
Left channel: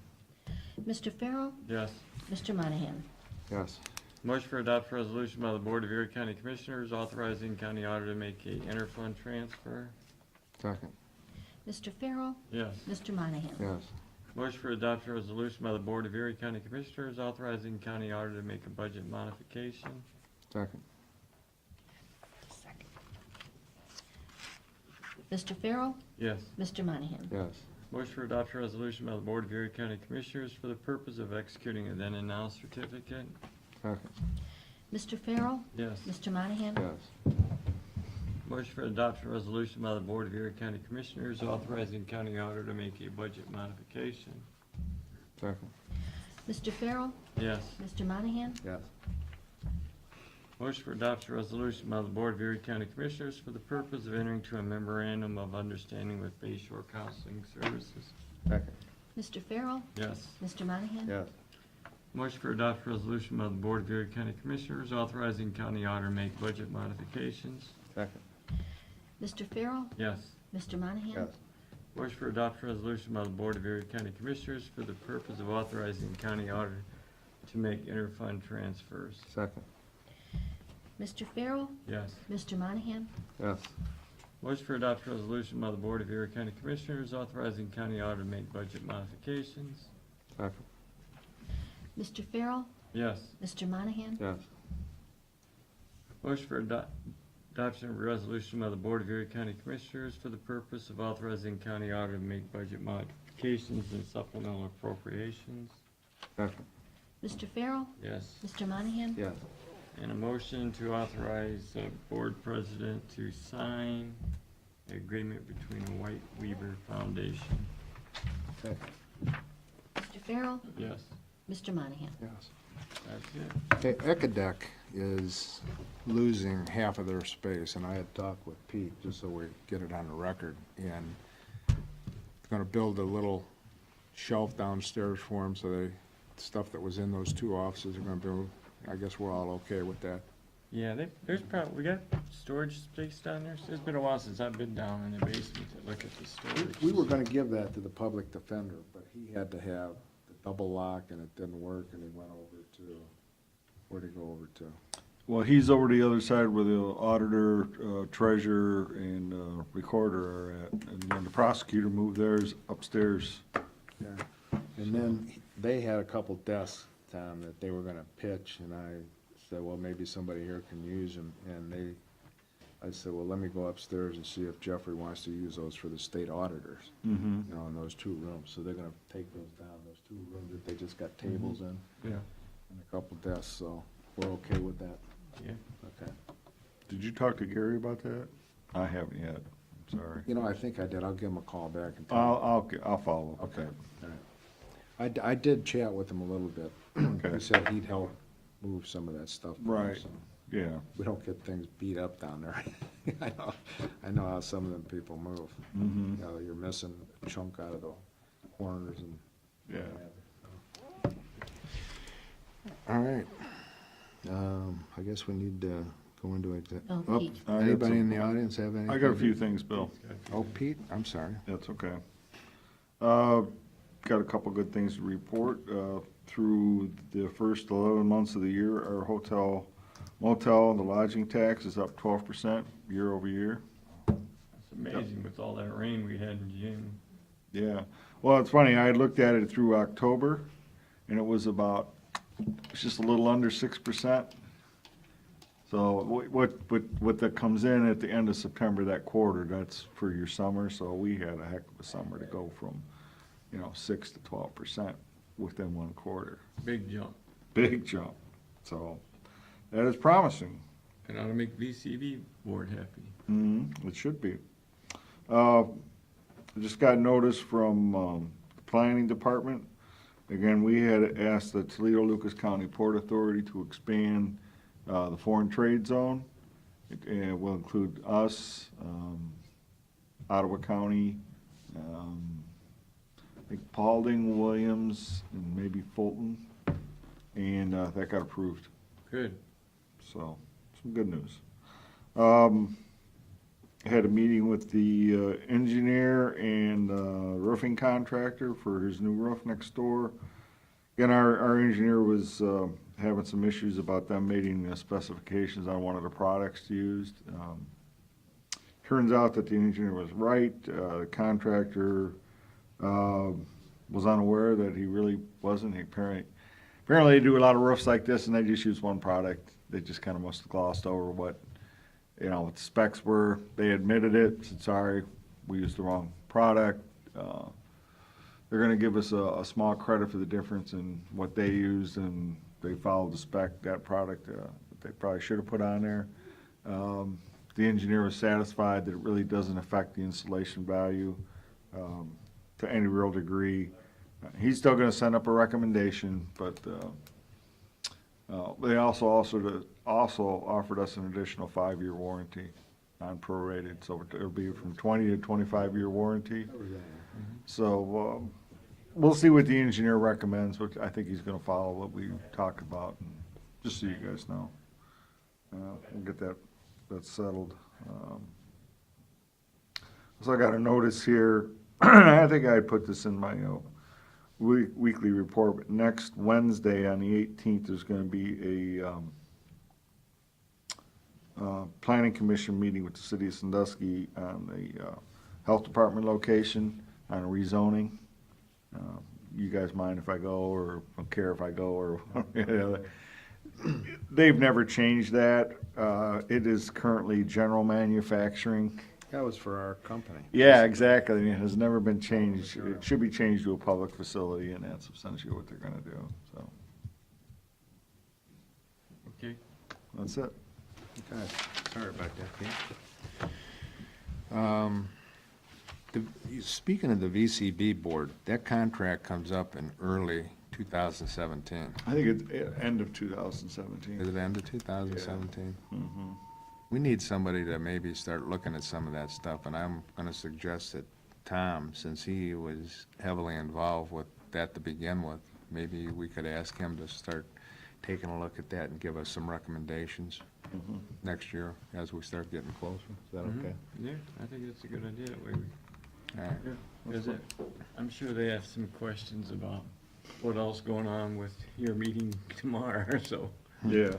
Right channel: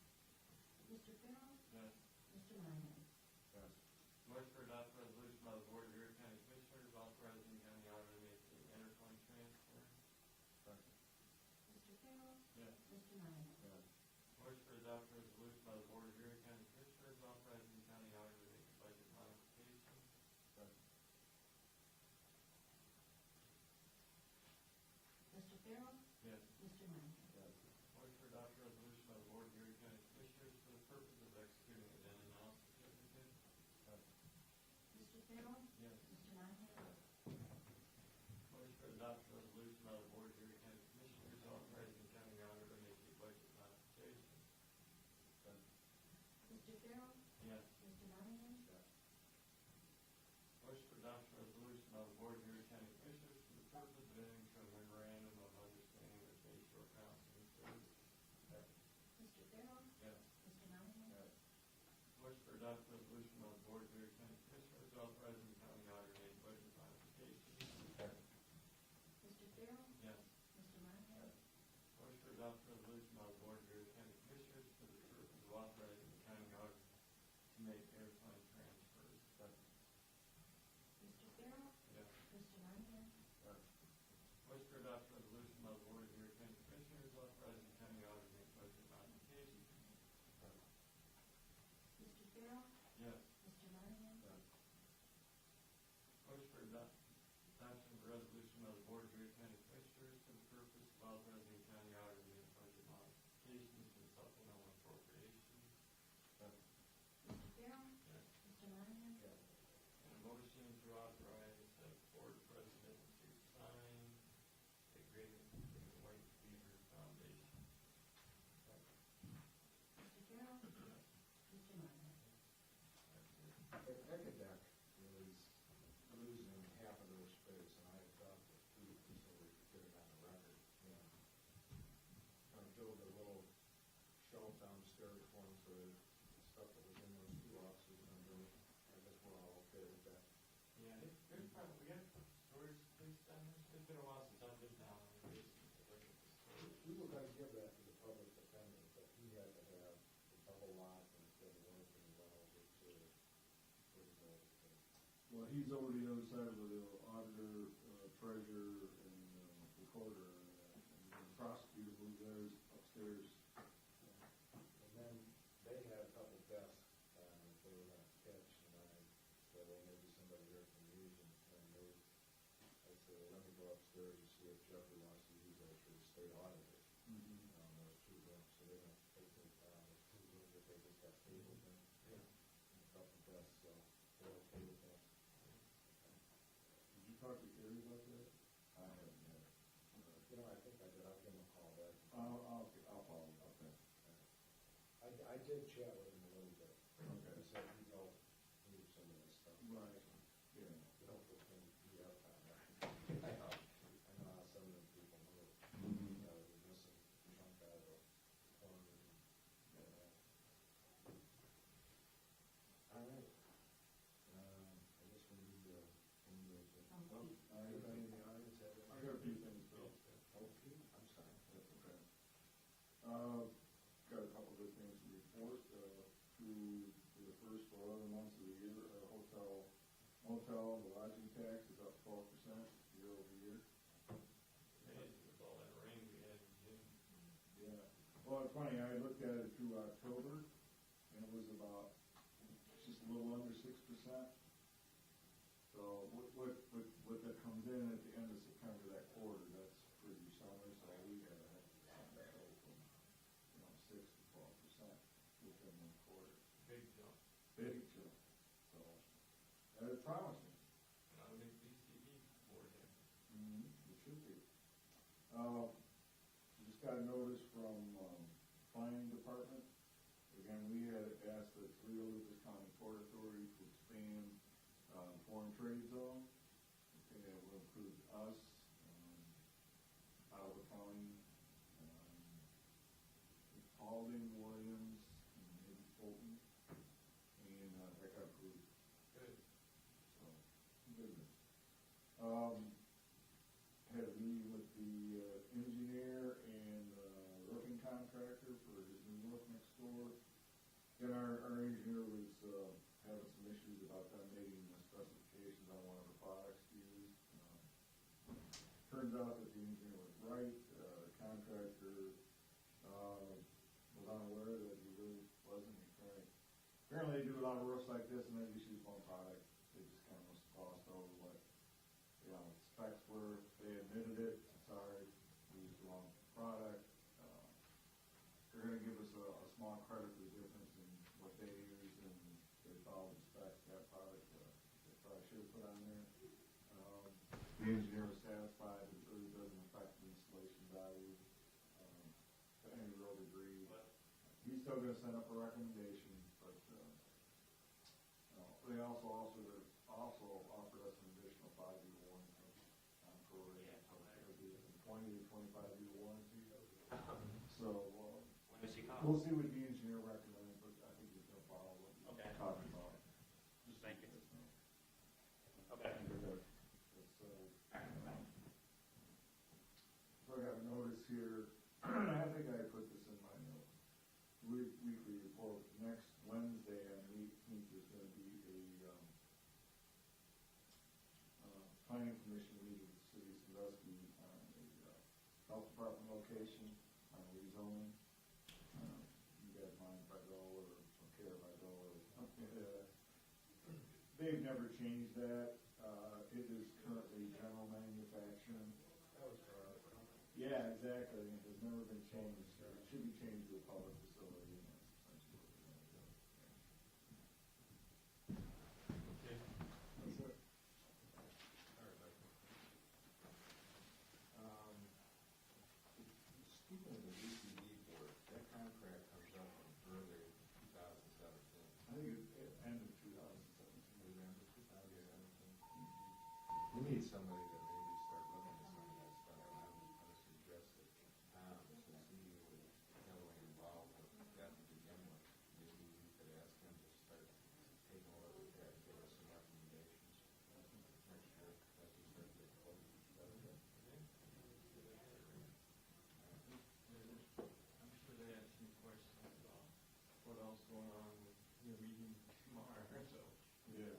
Mr. Farrell? Yes. Mr. Monahan? yes. Motion for adoption resolution by the Board of Erie County Commissioners authorizing county auditor to make a interfund transfer. Second, Mr. Farrell? Yes. Mr. Monahan? yes. Motion for adoption resolution by the Board of Erie County Commissioners authorizing county auditor to make a budget modification. Second, Mr. Farrell? Yes. Mr. Monahan? yes. Motion for adoption resolution by the Board of Erie County Commissioners for the purpose of executing a then and now certificate. Second, Mr. Farrell? Yes. Mr. Monahan? yes. Motion for adoption resolution by the Board of Erie County Commissioners authorizing county auditor to make a budget modification. Second, Mr. Farrell? Yes. Mr. Monahan? yes. Motion for adoption resolution by the Board of Erie County Commissioners for the purpose of entering to a memorandum of understanding with Bay Shore Counseling Services. Second, Mr. Farrell? Yes. Mr. Monahan? yes. Motion for adoption resolution by the Board of Erie County Commissioners authorizing county auditor to make budget modifications. Second, Mr. Farrell? Yes. Mr. Monahan? yes. Motion for adoption resolution by the Board of Erie County Commissioners for the purpose of authorizing county auditor to make interfund transfers. Second, Mr. Farrell? Yes. Mr. Monahan? yes. Motion for adoption resolution by the Board of Erie County Commissioners authorizing county auditor to make budget modifications. Second, Mr. Farrell? Yes. Mr. Monahan? yes. Motion for adoption of a resolution by the Board of Erie County Commissioners for the purpose of authorizing county auditor to make budget modifications and supplemental appropriations. Second, Mr. Farrell? Yes. Mr. Monahan? yes. And a motion to authorize the board president to sign the agreement between the White Weaver Foundation. Second, Mr. Farrell? Yes, Mr. Monahan? yes. that's it. Hey, Ecadec is losing half of their space, and I had talked with Pete, just so we get it on the record, and gonna build a little shelf downstairs for them, so stuff that was in those 2 offices are gonna build. I guess we're all okay with that. Yeah, there's probably, we got storage space down there. It's been a while since I've been down in the basement to look at the storage. We were gonna give that to the public defender, but he had to have the double lock, and it didn't work, and he went over to, where'd he go over to? Well, he's over the other side where the auditor, treasurer, and recorder are at, and then the prosecutor moved theirs upstairs. Yeah. And then they had a couple desks, Tom, that they were gonna pitch, and I said, well, maybe somebody here can use them, and I said, well, let me go upstairs and see if Jeffrey wants to use those for the state auditors, Mm-hmm. you know, in those 2 rooms, so they're gonna take those down, those 2 rooms that they just got tables in, Yeah. and a couple desks, so we're okay with that, Yeah. okay. Did you talk to Gary about that? I haven't yet, I'm sorry. You know, I think I did, I'll give him a call back and tell him. I'll follow up. Okay, all right. I did chat with him a little bit. Okay. He said he'd help move some of that stuff. for us, Right. so Yeah, we don't get things beat up down there. I know how some of them people move. mm-hmm, You know, you're missing a chunk out of the corners and. yeah. All right. I guess we need to go into exec. Oh, Pete. I got Anybody some- in the audience have anything? I got a few things, Bill. Oh, Pete, I'm sorry. That's okay. Got a couple good things to report. Through the first 11 months of the year, our hotel, motel, the lodging tax is up 12% year over year. It's amazing with all that rain we had in June. Yeah. Well, it's funny, I looked at it through October, and it was it's just a little under 6%. So what that comes in at the end of September, that quarter, that's for your summer, so we had a heck of a summer to go from, 6 to 12% within 1 quarter. Big jump. Big jump. So that is promising. And ought to make VCB board happy. It should be. I just got notice from the planning department. Again, we had asked the Toledo-Lucas County Port Authority to expand the foreign trade zone. It will include us, Ottawa County, I think Paulding, Williams, and maybe Fulton. And that got approved. Good. So, some good news. Had a meeting with the engineer and roofing contractor for his new roof next door. Again, our engineer was having some issues about them meeting the specifications on one of the products used. Turns out that the engineer was right. The contractor was unaware that he really wasn't. Apparently they do a lot of roofs like this and they just use one product. They just kind of must have glossed over what the specs were. They admitted it, said, sorry, we used the wrong product. They're gonna give us a small credit for the difference in what they used, and they followed the spec, that product, that they probably should have put on there. The engineer was satisfied that it really doesn't affect the installation value to any real degree. He's still gonna send up a recommendation, but they also offered us an additional 5-year warranty, non-prorated, so it'll be from 20 to 25-year warranty. So, we'll see what the engineer recommends, but I think he's gonna follow what we talked about, and just so you guys know. And get that settled. So I got a notice here, I think I put this in my, weekly report, but next Wednesday on the 18th, there's gonna be a planning commission meeting with the city of Sandusky on the health department location on rezoning. You guys mind if I go, or don't care if I go, or they've never changed that. It is currently general manufacturing. That was for our company. Yeah, exactly. It has never been changed. It should be changed to a public facility, and that's essentially what they're gonna do, so. Okay. That's it. Okay, sorry about that, Pete. Speaking of the VCB board, that contract comes up in early 2017. I think it's end of 2017. Is it end of 2017? Mhm. We need somebody to maybe start looking at some of that stuff, and I'm gonna suggest that Tom, since he was heavily involved with that to begin with, maybe we could ask him to start taking a look at that and give us some recommendations Mhm. next year as we start getting closer. Is that okay? Yeah, I think that's a good idea, that way we, All right. because I'm sure they have some questions about what else going on with your meeting tomorrow, so. Yeah.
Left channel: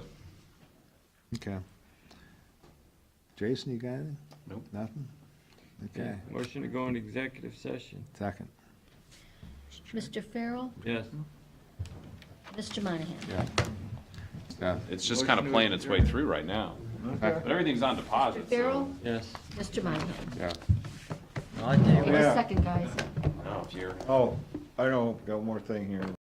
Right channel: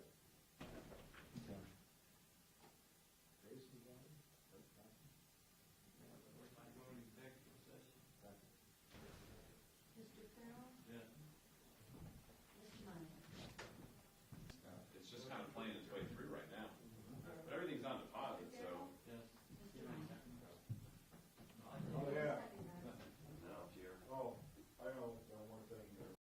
Okay. Jason, you got anything? Nope. Nothing? Okay, Motion to go into executive session. second. Mr. Farrell, Yes. Mr. Monahan. Yeah. Yeah. It's just kind of playing its way through right now, Okay. but everything's on deposit, Mr. Farrell, Yes. Mr. Monahan. Yeah. Give me Yeah. a second, guys. No, if you're. Oh, I know, got one more thing here.